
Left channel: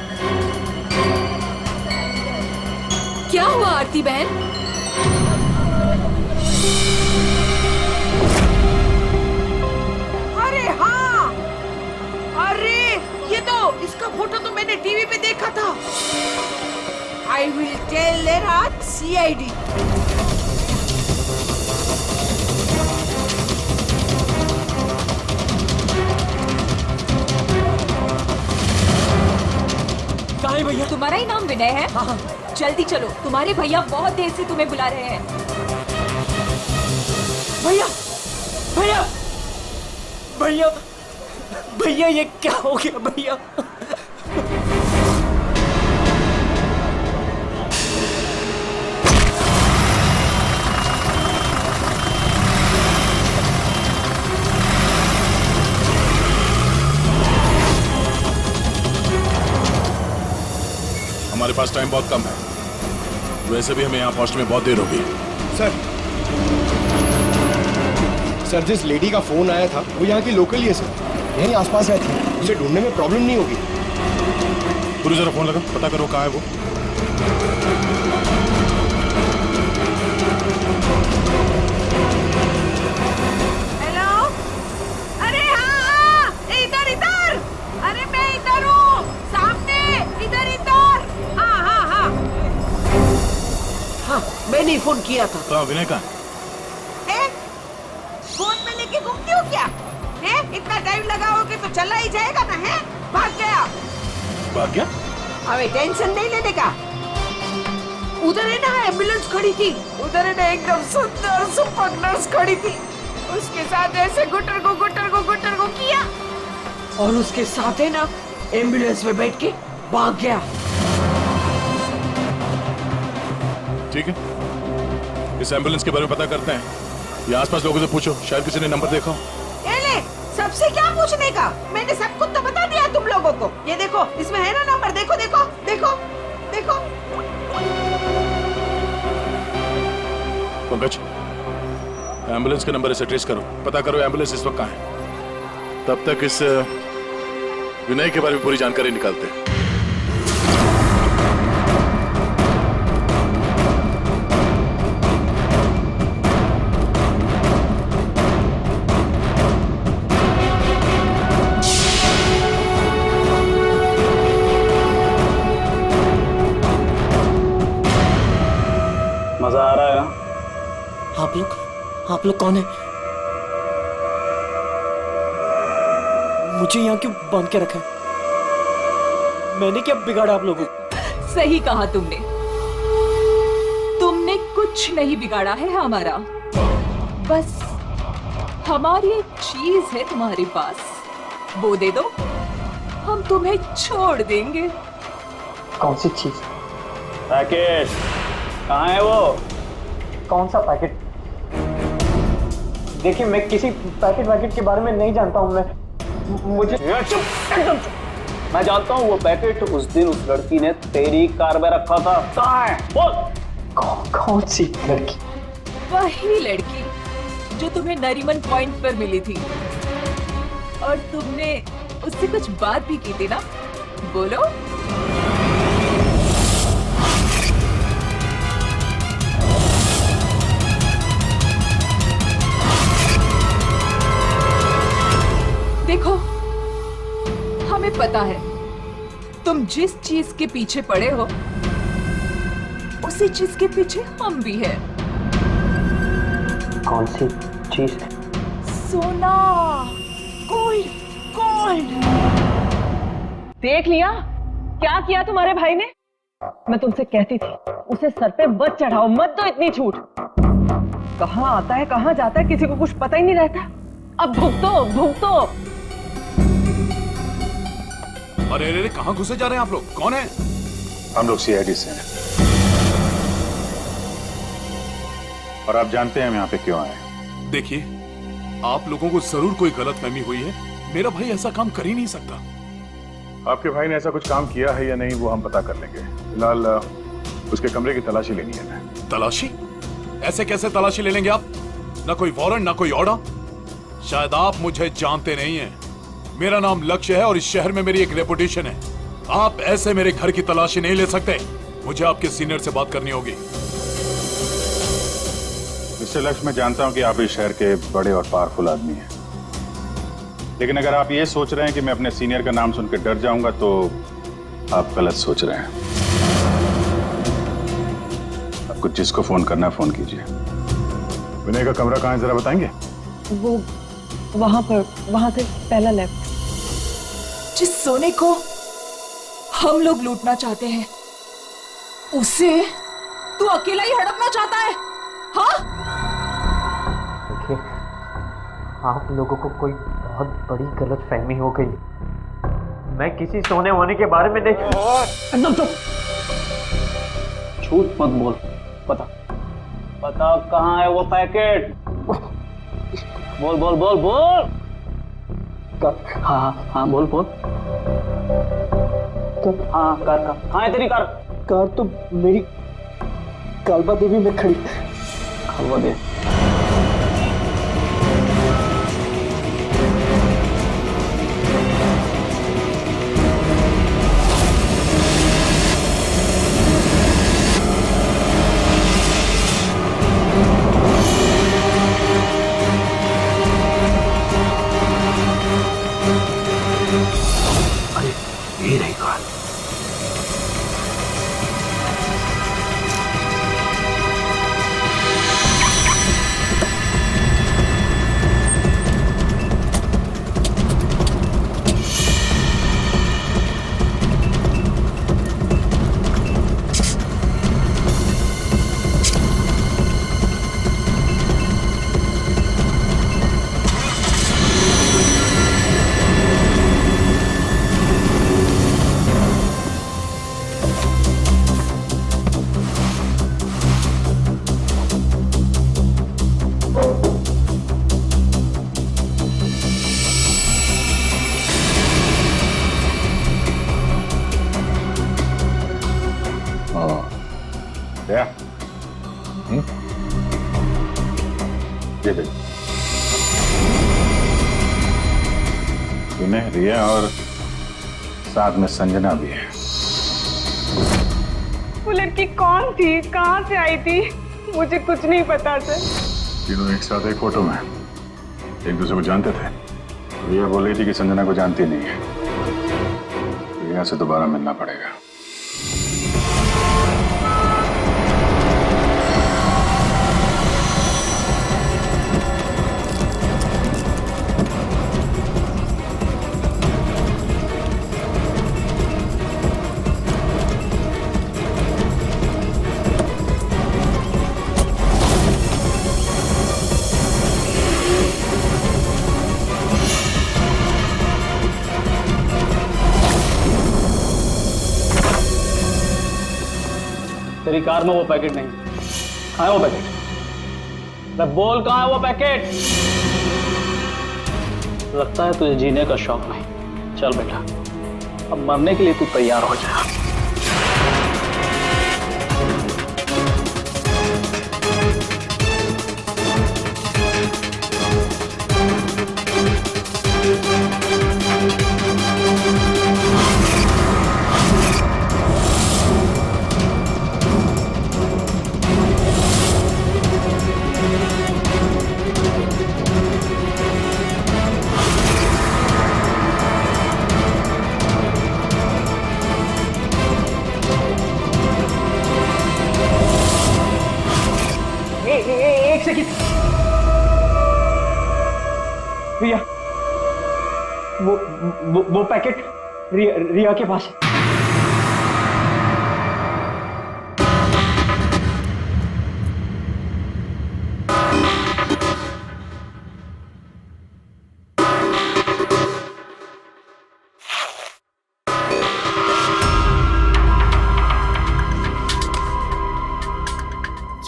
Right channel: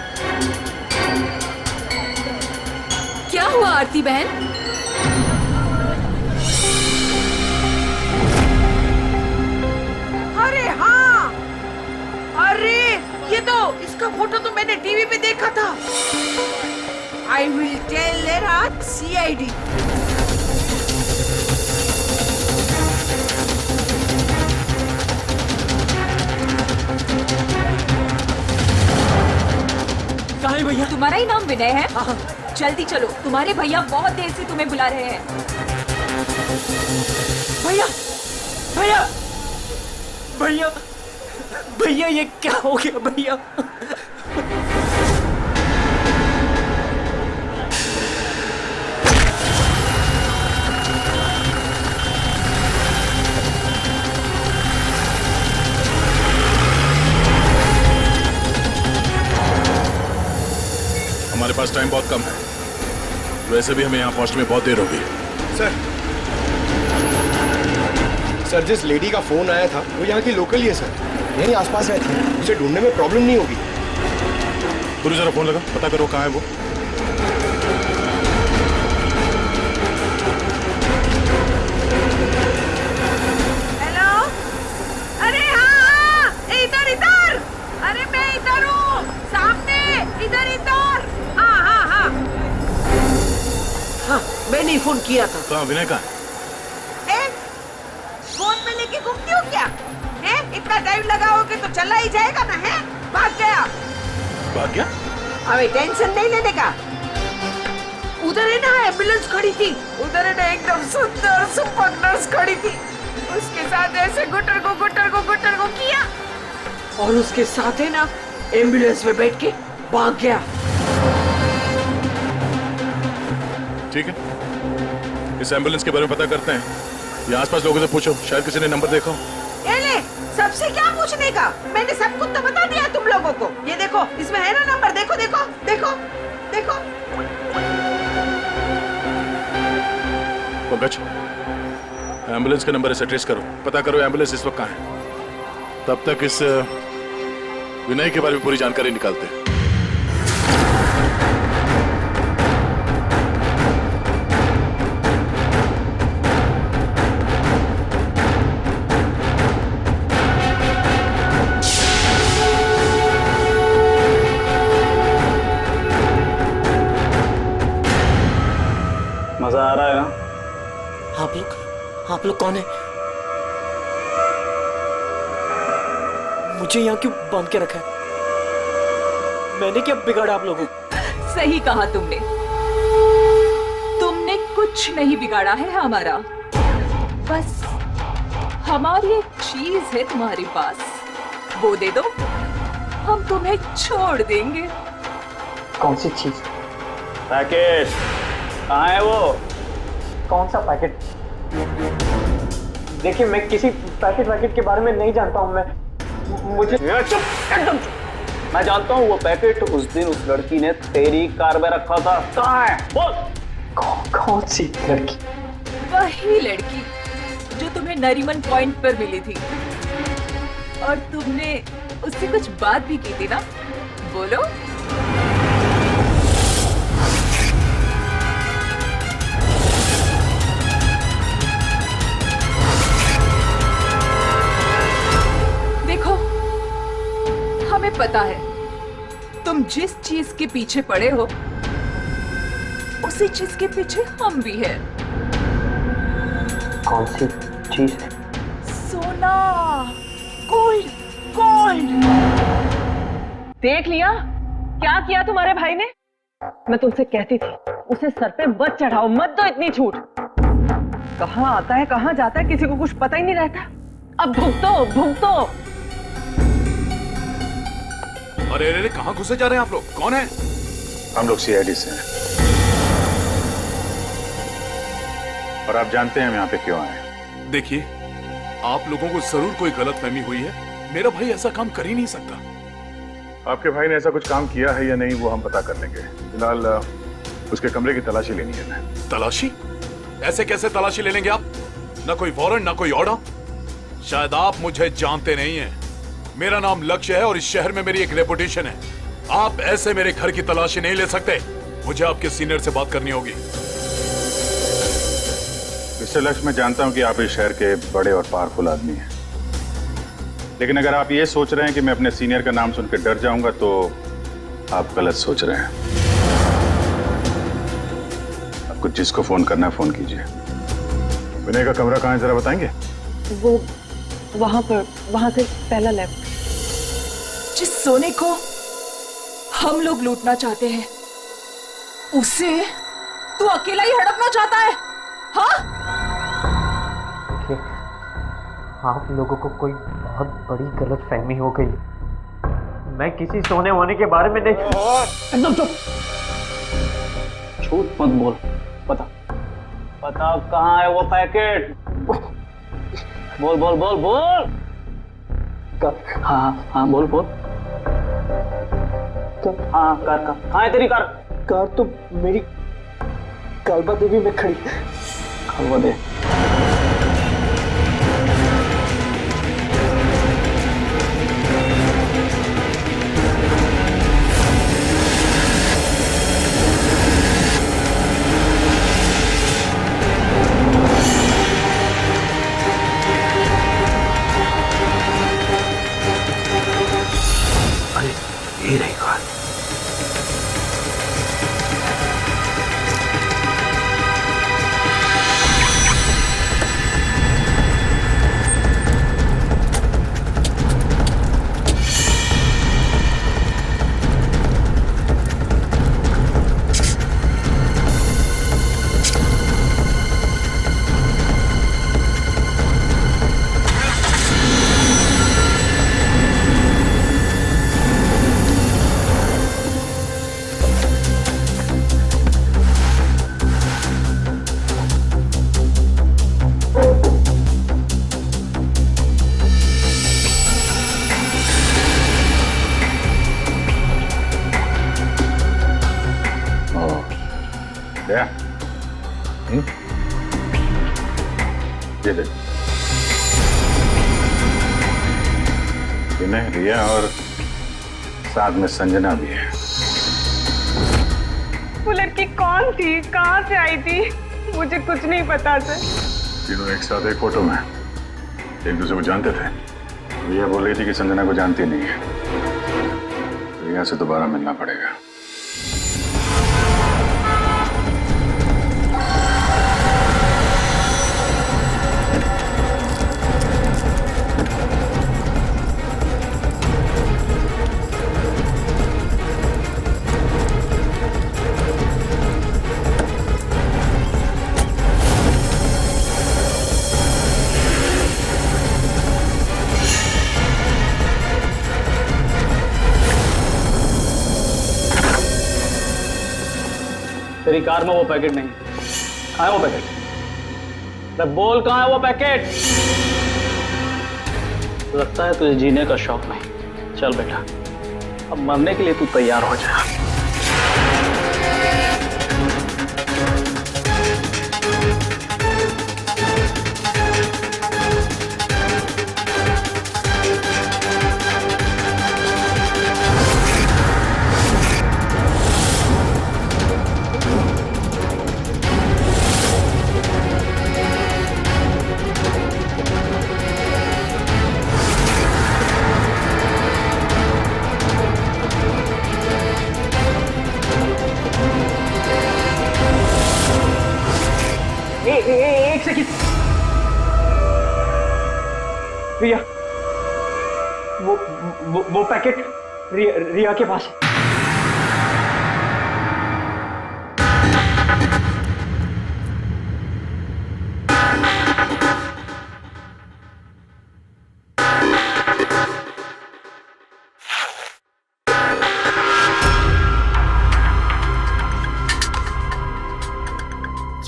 क्या हुआ आरती बहन? अरे हाँ, अरे ये तो, इसका फोटो तो मैंने टीवी पे देखा था। I will tell their CID। कहाँ है भैया? तुम्हारा ही नाम विनय है? हाँ। जल्दी चलो, तुम्हारे भैया बहुत देर से तुम्हें बुला रहे हैं। भैया भैया भैया भैया, ये क्या हो गया भैया? हमारे पास टाइम बहुत कम है, वैसे भी हमें यहाँ पहुंचने में बहुत देर होगी। सर, जिस लेडी का फोन आया था वो यहाँ की लोकल ही है सर, यहीं आसपास रहती है, उसे ढूंढने में प्रॉब्लम नहीं होगी। पूरी जरा फोन लगा, पता करो कहाँ है वो। हेलो, अरे हाँ, इधर इधर, अरे मैं इधर हूँ, सामने, इधर इधर। हाँ हाँ हाँ हाँ, मैंने ही फोन किया था। कहाँ विनय कहाँ? फोन में लेके घूमती हो क्या? है? इतना टाइम लगाओगे तो चला ही जाएगा ना। है? भाग गया। भाग गया? अबे टेंशन नहीं लेने का। उधर है ना एम्बुलेंस खड़ी थी, उधर है ना एकदम सुंदर सुपर नर्स खड़ी थी, उसके साथ ऐसे गुटर को किया, और उसके साथ है ना एम्बुलेंस में बैठ के भाग गया। ठीक है, इस एम्बुलेंस के बारे में पता करते हैं। ये आसपास लोगों से पूछो, शायद किसी ने नंबर देखा हो। ले, सबसे क्या पूछने का? मैंने सब कुछ तो बता दिया तुम लोगों को। ये देखो, इसमें है ना नंबर, देखो देखो देखो देखो। पंकज, एम्बुलेंस का नंबर इसे ट्रेस करो, पता करो एम्बुलेंस इस वक्त कहाँ है। तब तक इस विनय के बारे में पूरी जानकारी निकालते हैं। मजा आ रहा है ना? आप लोग कौन है? मुझे यहाँ क्यों बांध के रखा है? मैंने क्या बिगाड़ा आप लोगों को? सही कहा तुमने, तुमने कुछ नहीं बिगाड़ा है हमारा। बस हमारी एक चीज है तुम्हारे पास, वो दे दो, हम तुम्हें छोड़ देंगे। कौन सी चीज? पैकेट कहाँ है वो? कौन सा पैकेट? देखिए, मैं किसी पैकेट के बारे में नहीं जानता हूँ। मुझे चुप, एकदम चुप। मैं जानता हूँ वो पैकेट उस दिन उस लड़की ने तेरी कार में रखा था। कहाँ है बोल? कौन सी लड़की? वही लड़की जो तुम्हें नरीमन पॉइंट पर मिली थी, और तुमने उससे कुछ बात भी की थी ना, बोलो। देखो, हमें पता है तुम जिस चीज के पीछे पड़े हो उसी चीज के पीछे हम भी हैं। कौन सी चीज? सोना, गोल्ड, गोल्ड। देख लिया क्या किया तुम्हारे भाई ने? मैं तुमसे कहती थी उसे सर पे मत चढ़ाओ, मत दो इतनी छूट। कहाँ आता है कहाँ जाता है किसी को कुछ पता ही नहीं रहता। अब भुगतो भुगतो। अरे अरे कहाँ घुसे जा रहे हैं आप लोग? कौन है? हम लोग सीआईडी से हैं और आप जानते हैं हम यहाँ पे क्यों आए। देखिए, आप लोगों को जरूर कोई गलतफहमी हुई है। मेरा भाई ऐसा काम कर ही नहीं सकता। आपके भाई ने ऐसा कुछ काम किया है या नहीं वो हम पता कर लेंगे। फिलहाल उसके कमरे की तलाशी लेनी है हमें। तलाशी? ऐसे कैसे तलाशी ले लेंगे आप? ना कोई वारंट ना कोई ऑर्डर। शायद आप मुझे जानते नहीं हैं। मेरा नाम लक्ष्य है और इस शहर में मेरी एक रेपुटेशन है। आप ऐसे मेरे घर की तलाशी नहीं ले सकते। मुझे आपके सीनियर से बात करनी होगी। मिस्टर लक्ष्य, मैं जानता हूं कि आप इस शहर के बड़े और पावरफुल आदमी हैं, लेकिन अगर आप ये सोच रहे हैं कि मैं अपने सीनियर का नाम सुनकर डर जाऊंगा तो आप गलत सोच रहे हैं। आपको जिसको फोन करना है फोन कीजिए। विनय का कमरा कहाँ है जरा बताएंगे? वो वहां पर, वहां से पहला लेफ्ट। जिस सोने को हम लोग लूटना चाहते हैं उसे तू अकेला ही हड़पना चाहता है? हाँ? देखिए, आप लोगों को कोई बहुत बड़ी गलतफहमी हो गई। मैं किसी सोने वोने के बारे में नहीं। एकदम चुप। झूठ मत बोल। बता कहाँ है वो पैकेट? बोल बोल बोल बोल। हाँ हाँ बोल बोल। हाँ कार कहाँ है तेरी कार? कार तो मेरी कालबा देवी में खड़ी। कालबा देवी? ये रही कार। दया, ये देख, विनय, रिया और साथ में संजना भी है। वो लड़की कौन थी, कहाँ से आई थी? मुझे कुछ नहीं पता सर। तीनों एक साथ एक फोटो में एक दूसरे को जानते थे। रिया बोल रही थी कि संजना को जानती नहीं है। रिया से दोबारा मिलना पड़ेगा। तेरी कार में वो पैकेट नहीं। कहाँ है वो पैकेट? मैं बोल कहाँ है वो पैकेट? लगता है तुझे जीने का शौक नहीं। चल बेटा, अब मरने के लिए तू तैयार हो जा। एक सेकंड रिया, वो पैकेट रिया के पास है।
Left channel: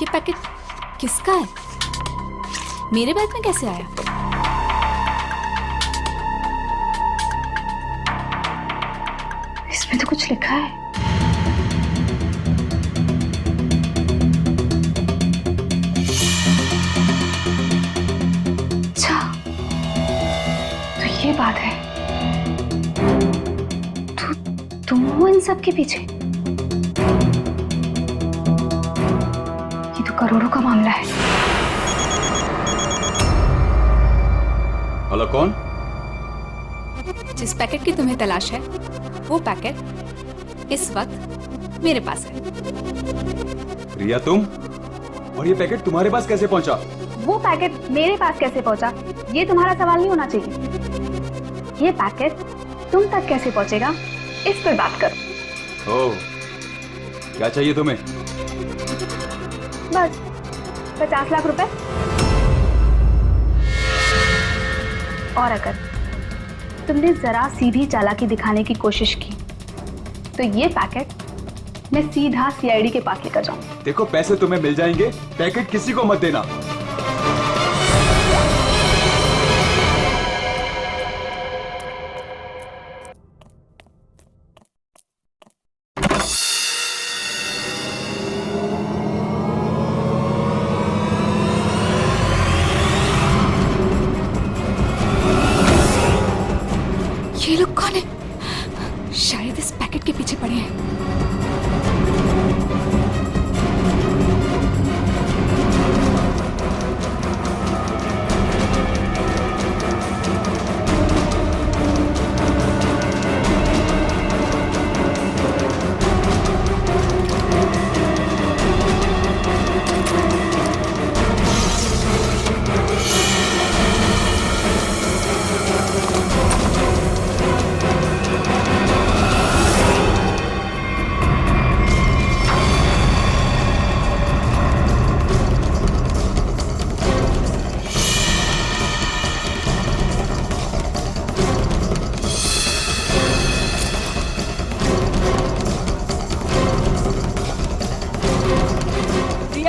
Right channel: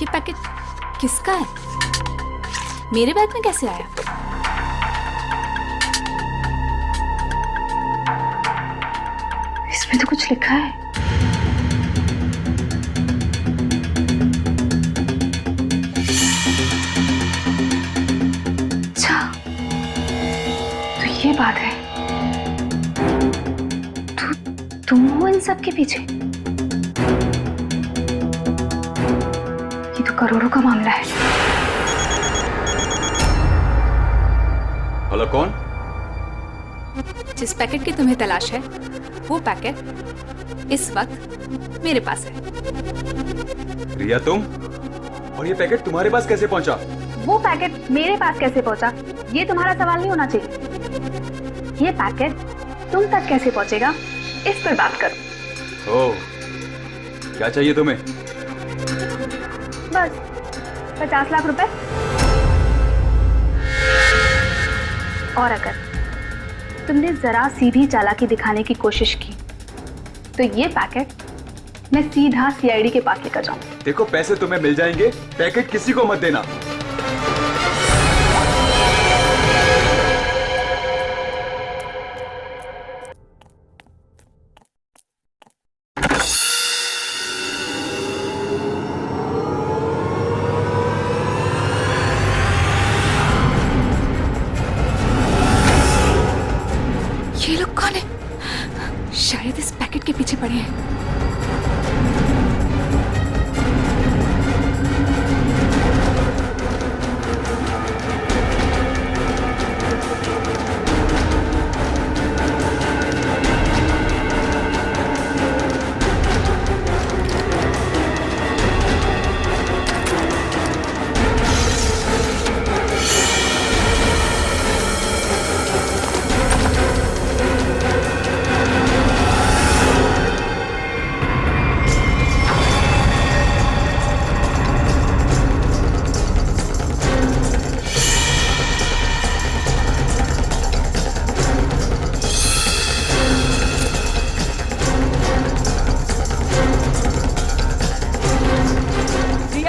ये पैकेट किसका है? मेरे बैग में कैसे आया? इसमें तो कुछ लिखा है। अच्छा, तो ये बात है। तुम हो इन सब के पीछे? ये तो करोड़ों का मामला है। हेलो, कौन? जिस पैकेट की तुम्हें तलाश है, वो पैकेट इस वक्त मेरे पास है। रिया, तुम? और ये पैकेट तुम्हारे पास कैसे पहुंचा? वो पैकेट मेरे पास कैसे पहुंचा, ये तुम्हारा सवाल नहीं होना चाहिए। ये पैकेट तुम तक कैसे पहुंचेगा, इस पर बात करो। ओह, क्या चाहिए तुम्हें? बस 50 लाख रुपए। और अगर तुमने जरा सी भी चालाकी दिखाने की कोशिश की तो ये पैकेट मैं सीधा सीआईडी के पास लेकर जाऊंगी। देखो, पैसे तुम्हें मिल जाएंगे, पैकेट किसी को मत देना। ये लोग कौन है? शायद इस पैकेट के पीछे पड़े हैं।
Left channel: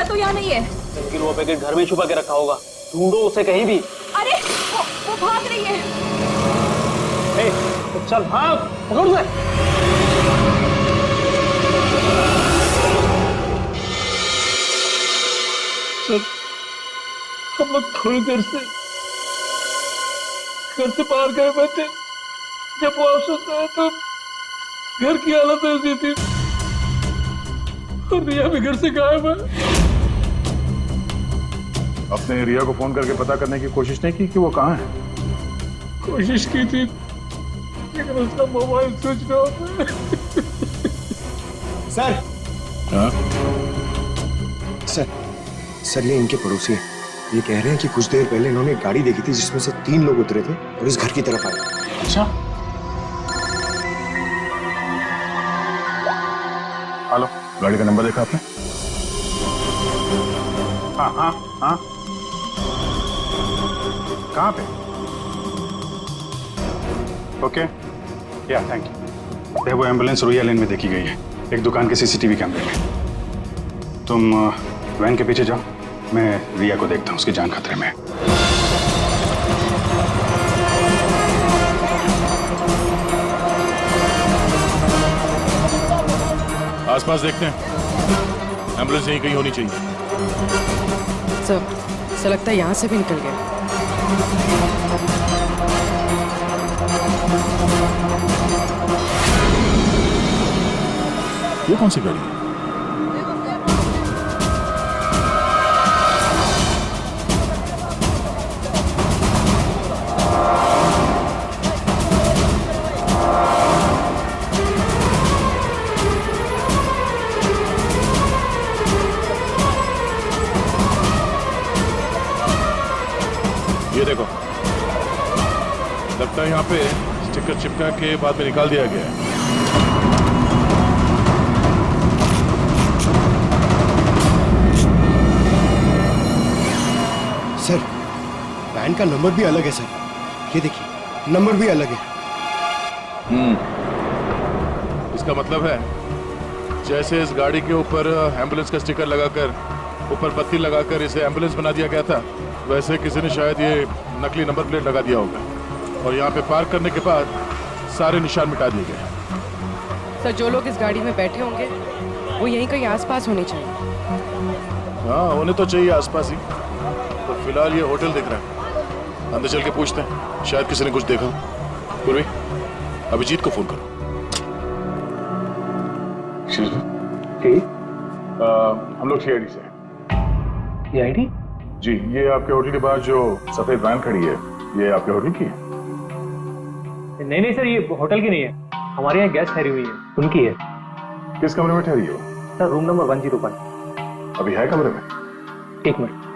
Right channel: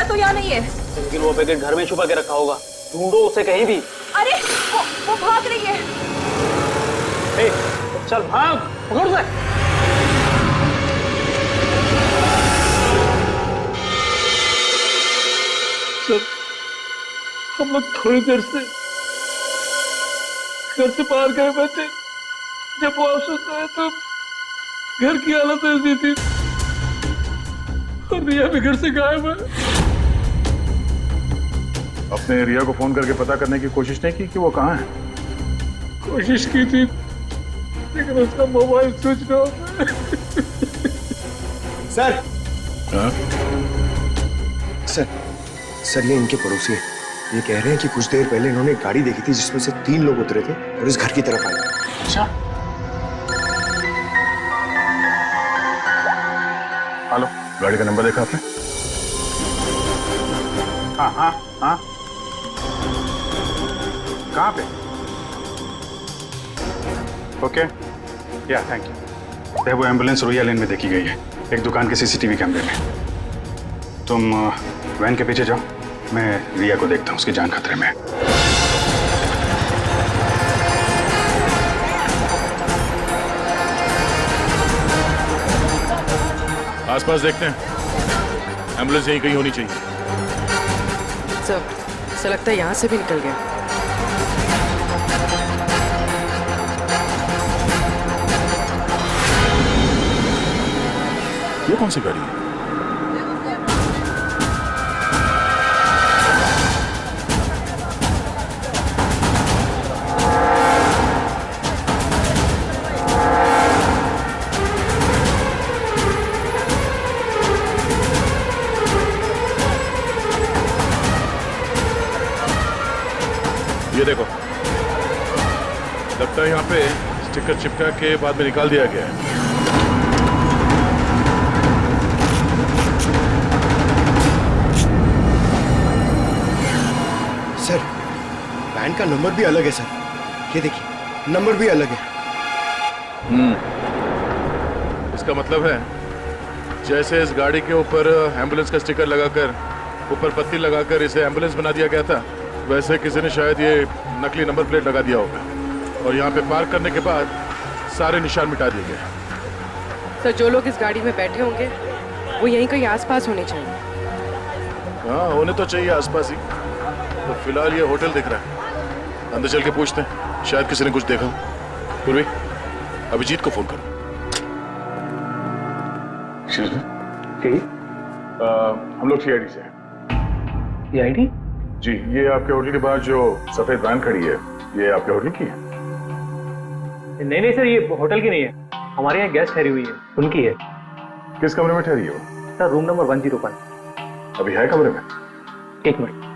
तो यहाँ नहीं है। लेकिन वो पैकेट घर में छुपा के रखा होगा, ढूंढो उसे कहीं भी। अरे वो भाग रही है। ए, तो चल भाग, पकड़ उसे। सर, हम लोग थोड़ी देर से घर से बाहर गए बैठे, जब वापस आए तो घर की हालत ऐसी थी और रिया भी घर से गायब है। अपने रिया को फोन करके पता करने की कोशिश नहीं की कि वो कहाँ है? कोशिश की थी लेकिन उसका मोबाइल स्विच ऑफ है। सर। हाँ? सर, ये इनके पड़ोसी हैं। ये कह रहे हैं कि कुछ देर पहले इन्होंने एक गाड़ी देखी थी जिसमें से 3 लोग उतरे थे और इस घर की तरफ आए। अच्छा। हेलो, गाड़ी का नंबर देखा आपने? हाँ हाँ हाँ। कहाँ पे? ओके, या थैंक यू। वो एम्बुलेंस रोया लेन में देखी गई है, एक दुकान के सीसीटीवी कैमरे में। तुम वैन के पीछे जाओ, मैं रिया को देखता हूँ, उसकी जान खतरे में है। आसपास देखते हैं, एम्बुलेंस यहीं कहीं होनी चाहिए। सर लगता है यहाँ से भी निकल गया। ये कौन सी गाड़ी है? देखो, लगता है यहाँ पे स्टिकर चिपका के बाद में निकाल दिया गया है। सर, वैन का नंबर भी अलग है सर। ये देखिए, नंबर भी अलग है। इसका मतलब है जैसे इस गाड़ी के ऊपर एम्बुलेंस का स्टिकर लगाकर ऊपर पत्ती लगाकर इसे एम्बुलेंस बना दिया गया था, वैसे किसी ने शायद ये नकली नंबर प्लेट लगा दिया होगा और यहाँ पे पार्क करने के बाद सारे निशान मिटा दिए गए। सर, जो लोग इस गाड़ी में बैठे होंगे वो यहीं कहीं आसपास होने चाहिए। हाँ, होने तो चाहिए आसपास ही। तो फिलहाल ये होटल दिख रहा है, अंदर चल के पूछते हैं, शायद किसी ने कुछ देखा। पूर्वी, अभिजीत को फोन करो। हम लोग सीआईडी से हैं। सीआईडी? जी, ये आपके होटल के बाहर जो सफेद वैन खड़ी है, ये आपके होटल की है? नहीं नहीं सर, ये होटल की नहीं है, हमारे यहाँ गेस्ट ठहरी हुई है, उनकी है। किस कमरे में ठहरी है वो? Sir, room number 101। अभी है कमरे में? एक मिनट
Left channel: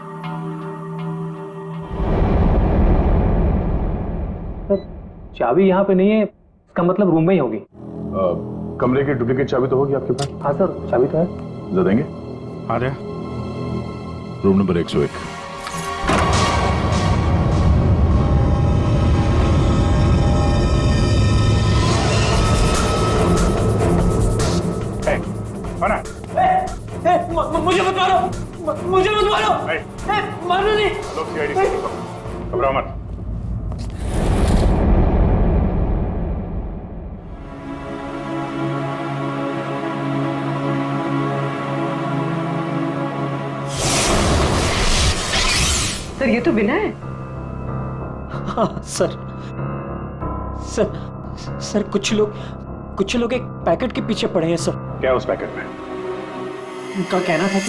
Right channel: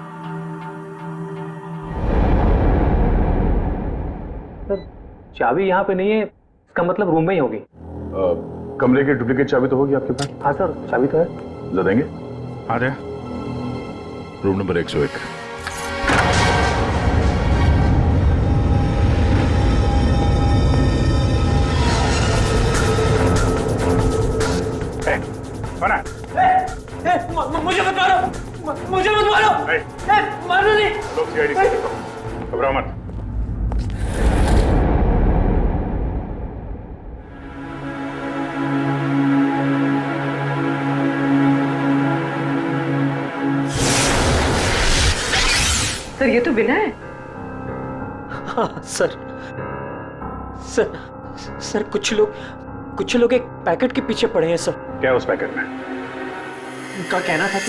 सर, चाबी यहाँ पे नहीं है, इसका मतलब रूम में ही होगी। कमरे की डुप्लीकेट चाबी तो होगी आपके पास? हाँ सर, चाबी तो है। ला देंगे। आ रहा, रूम नंबर 101। कौन है? मुझे मत मारो, मुझे मत मारो, मारो नहीं। लोग सीआईडी से, घबराओ मत। सर, ये तो बिना है। हाँ सर, सर कुछ लोग एक पैकेट के पीछे पड़े हैं सर। क्या उस पैकेट में? उनका कहना था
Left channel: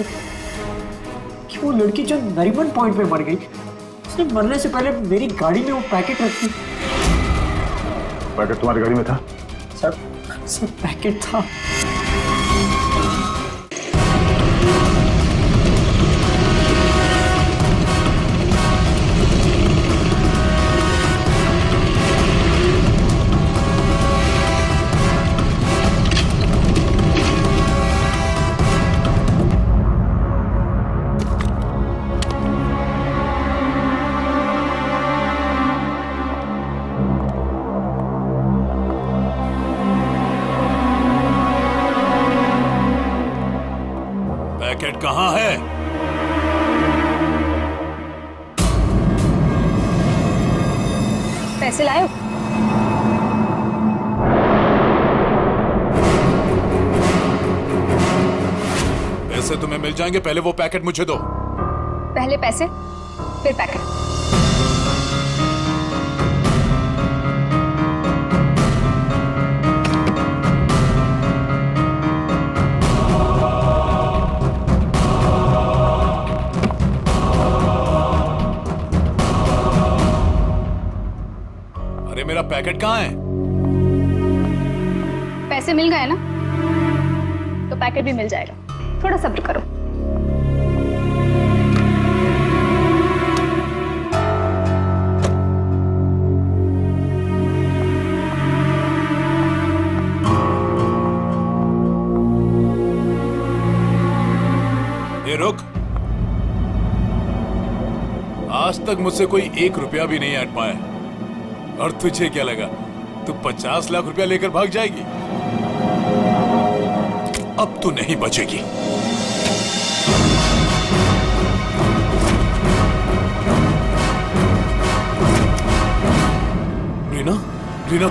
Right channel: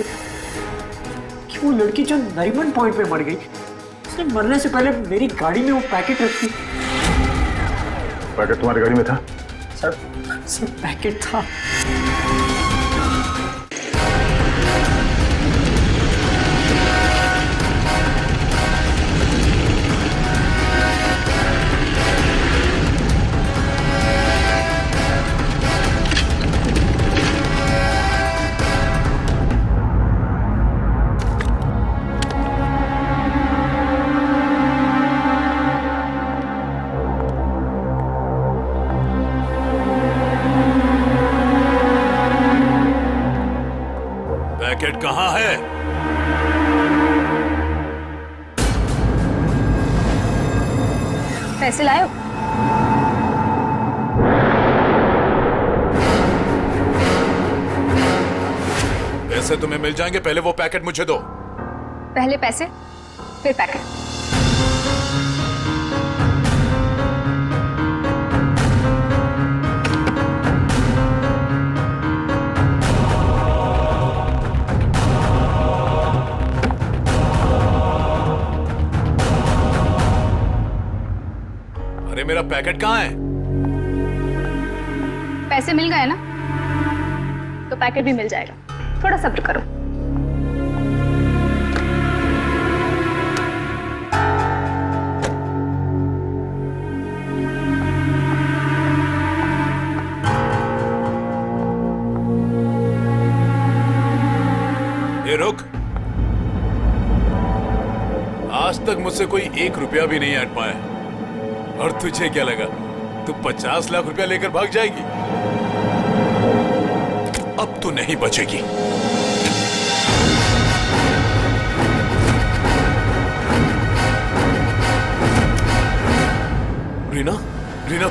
कि वो लड़की जो नरीमन पॉइंट पे मर गई, उसने मरने से पहले मेरी गाड़ी में वो पैकेट रखी। पैकेट तुम्हारी गाड़ी में था? सर पैकेट था। पैकेट कहाँ है? पैसे लाए? पैसे तुम्हें मिल जाएंगे, पहले वो पैकेट मुझे दो। पहले पैसे, फिर पैकेट। अरे मेरा पैकेट कहाँ है? पैसे मिल गए ना, तो पैकेट भी मिल जाएगा। थोड़ा सब्र करो। ए रुक, आज तक मुझसे कोई 1 रुपया भी नहीं ऐंठ पाया, और तुझे क्या लगा तू 50 लाख रुपया लेकर भाग जाएगी? अब तू नहीं बचेगी। रीना,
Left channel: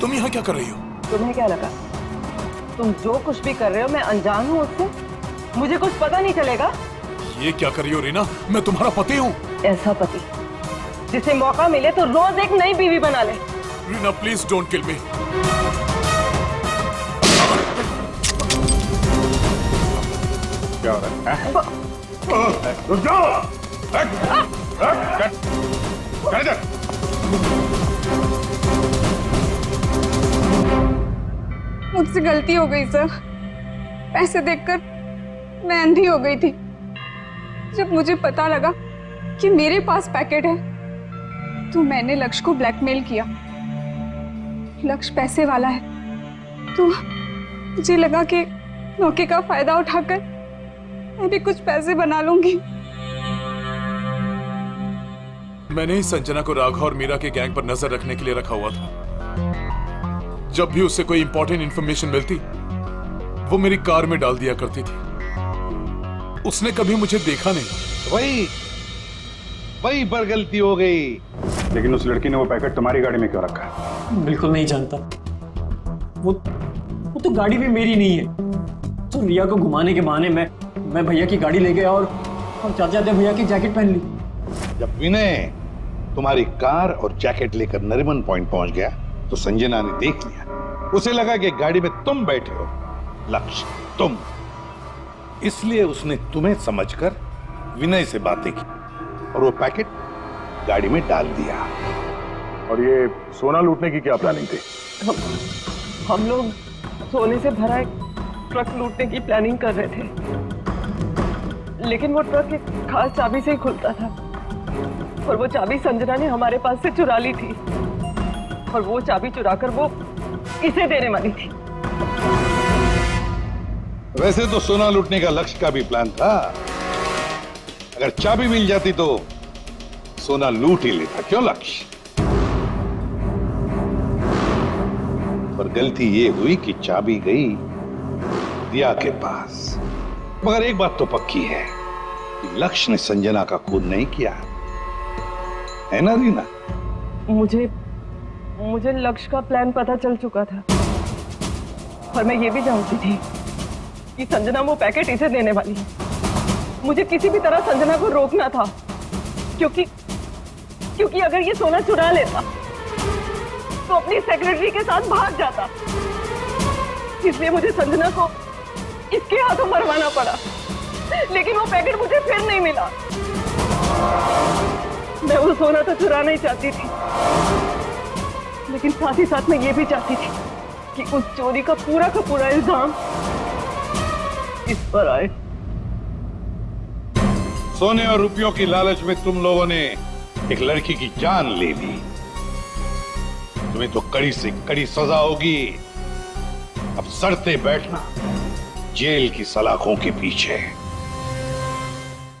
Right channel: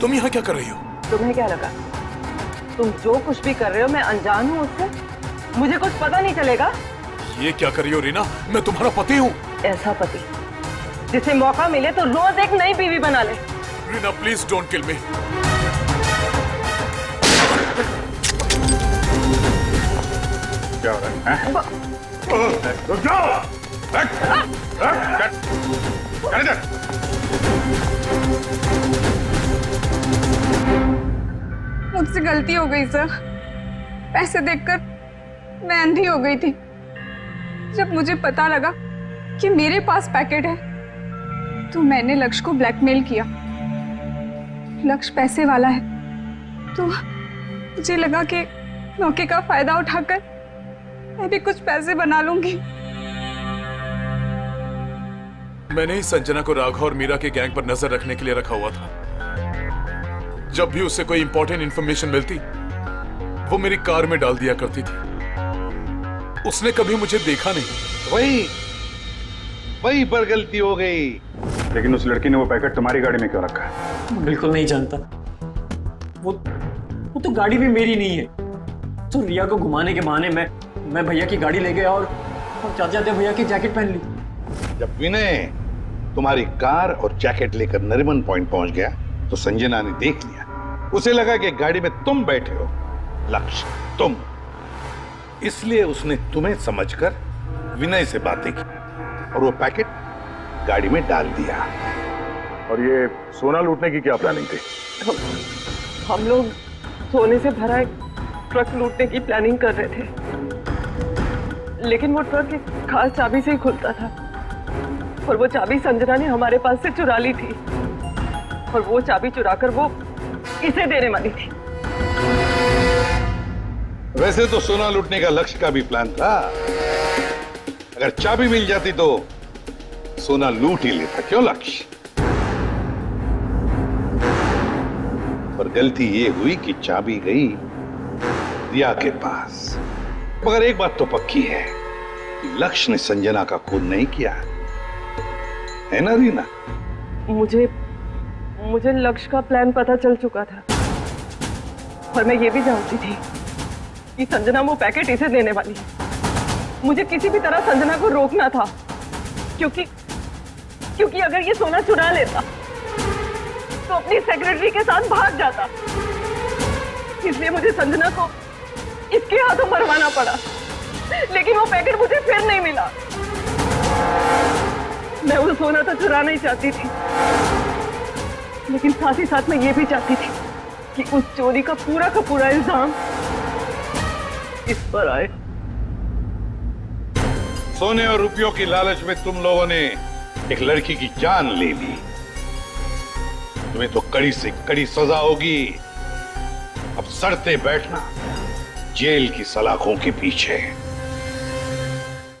तुम यहाँ क्या कर रही हो? तुम्हें क्या लगा तुम जो कुछ भी कर रहे हो मैं अनजान हूँ उससे? मुझे कुछ पता नहीं चलेगा? ये क्या कर रही हो रीना? मैं तुम्हारा पति हूँ। ऐसा पति जिसे मौका मिले तो रोज एक नई बीवी बना ले। रीना प्लीज डोंट किल मी। क्या हो रहा है? रुक जाओ! चल इधर! मुझसे गलती हो गई सर। पैसे देखकर मैं अंधी हो गई थी। जब मुझे पता लगा कि मेरे पास पैकेट है तो मैंने लक्ष्य को ब्लैकमेल किया। लक्ष्य पैसे वाला है तो मुझे लगा कि मौके का फायदा उठाकर मैं भी कुछ पैसे बना लूंगी। मैंने ही संजना को राघव और मीरा के गैंग पर नजर रखने के लिए रखा हुआ था। जब भी उससे कोई इंपॉर्टेंट इंफॉर्मेशन मिलती वो मेरी कार में डाल दिया करती थी। उसने कभी मुझे देखा नहीं। वही पर गलती हो गई। लेकिन उस लड़की ने वो पैकेट तुम्हारी गाड़ी में क्यों रखा है? बिल्कुल नहीं जानता। वो तो गाड़ी भी मेरी नहीं है। तो रिया को घुमाने के बहाने मैं भैया की गाड़ी ले गया और जाते जाते भैया की जैकेट पहन ली। जब विनय तुम्हारी कार और जैकेट लेकर नरीमन पॉइंट पहुंच गया तो संजना ने देख लिया। उसे लगा कि गाड़ी में तुम बैठे हो, लक्ष्य तुम, इसलिए उसने तुम्हें समझकर विनय से बातें की और वो पैकेट गाड़ी में डाल दिया। और ये सोना लूटने की क्या प्लानिंग थी? हम लोग सोने से भरा एक ट्रक लूटने की प्लानिंग कर रहे थे, लेकिन वो ट्रक एक खास चाबी से ही खुलता था और वो चाबी संजना ने हमारे पास से चुरा ली थी और वो चाबी चुराकर वो इसे देने वाली थी। वैसे तो सोना लूटने का लक्ष्य का भी प्लान था। अगर चाबी मिल जाती तो सोना लूट ही लेता, क्यों लक्ष्य? पर गलती ये हुई कि चाबी गई रिया के पास। मगर एक बात तो पक्की है कि लक्ष्य ने संजना का खून नहीं किया, है ना रीना? मुझे लक्ष्य का प्लान पता चल चुका था और मैं ये भी जानती थी कि संजना वो पैकेट इसे देने वाली है। मुझे किसी भी तरह संजना को रोकना था क्योंकि अगर ये सोना चुरा लेता तो अपनी सेक्रेटरी के साथ भाग जाता। इसलिए मुझे संजना को इसके हाथों मरवाना पड़ा, लेकिन वो पैकेट मुझे फिर नहीं मिला। मैं वो सोना तो चुराना ही चाहती थी, लेकिन साथ ही साथ मैं ये भी चाहती थी कि उस चोरी का पूरा इल्जाम इस पर आए। सोने और रुपयों की लालच में तुम लोगों ने एक लड़की की जान ले ली। तुम्हें तो कड़ी से कड़ी सजा होगी। अब सड़ते बैठना जेल की सलाखों के पीछे।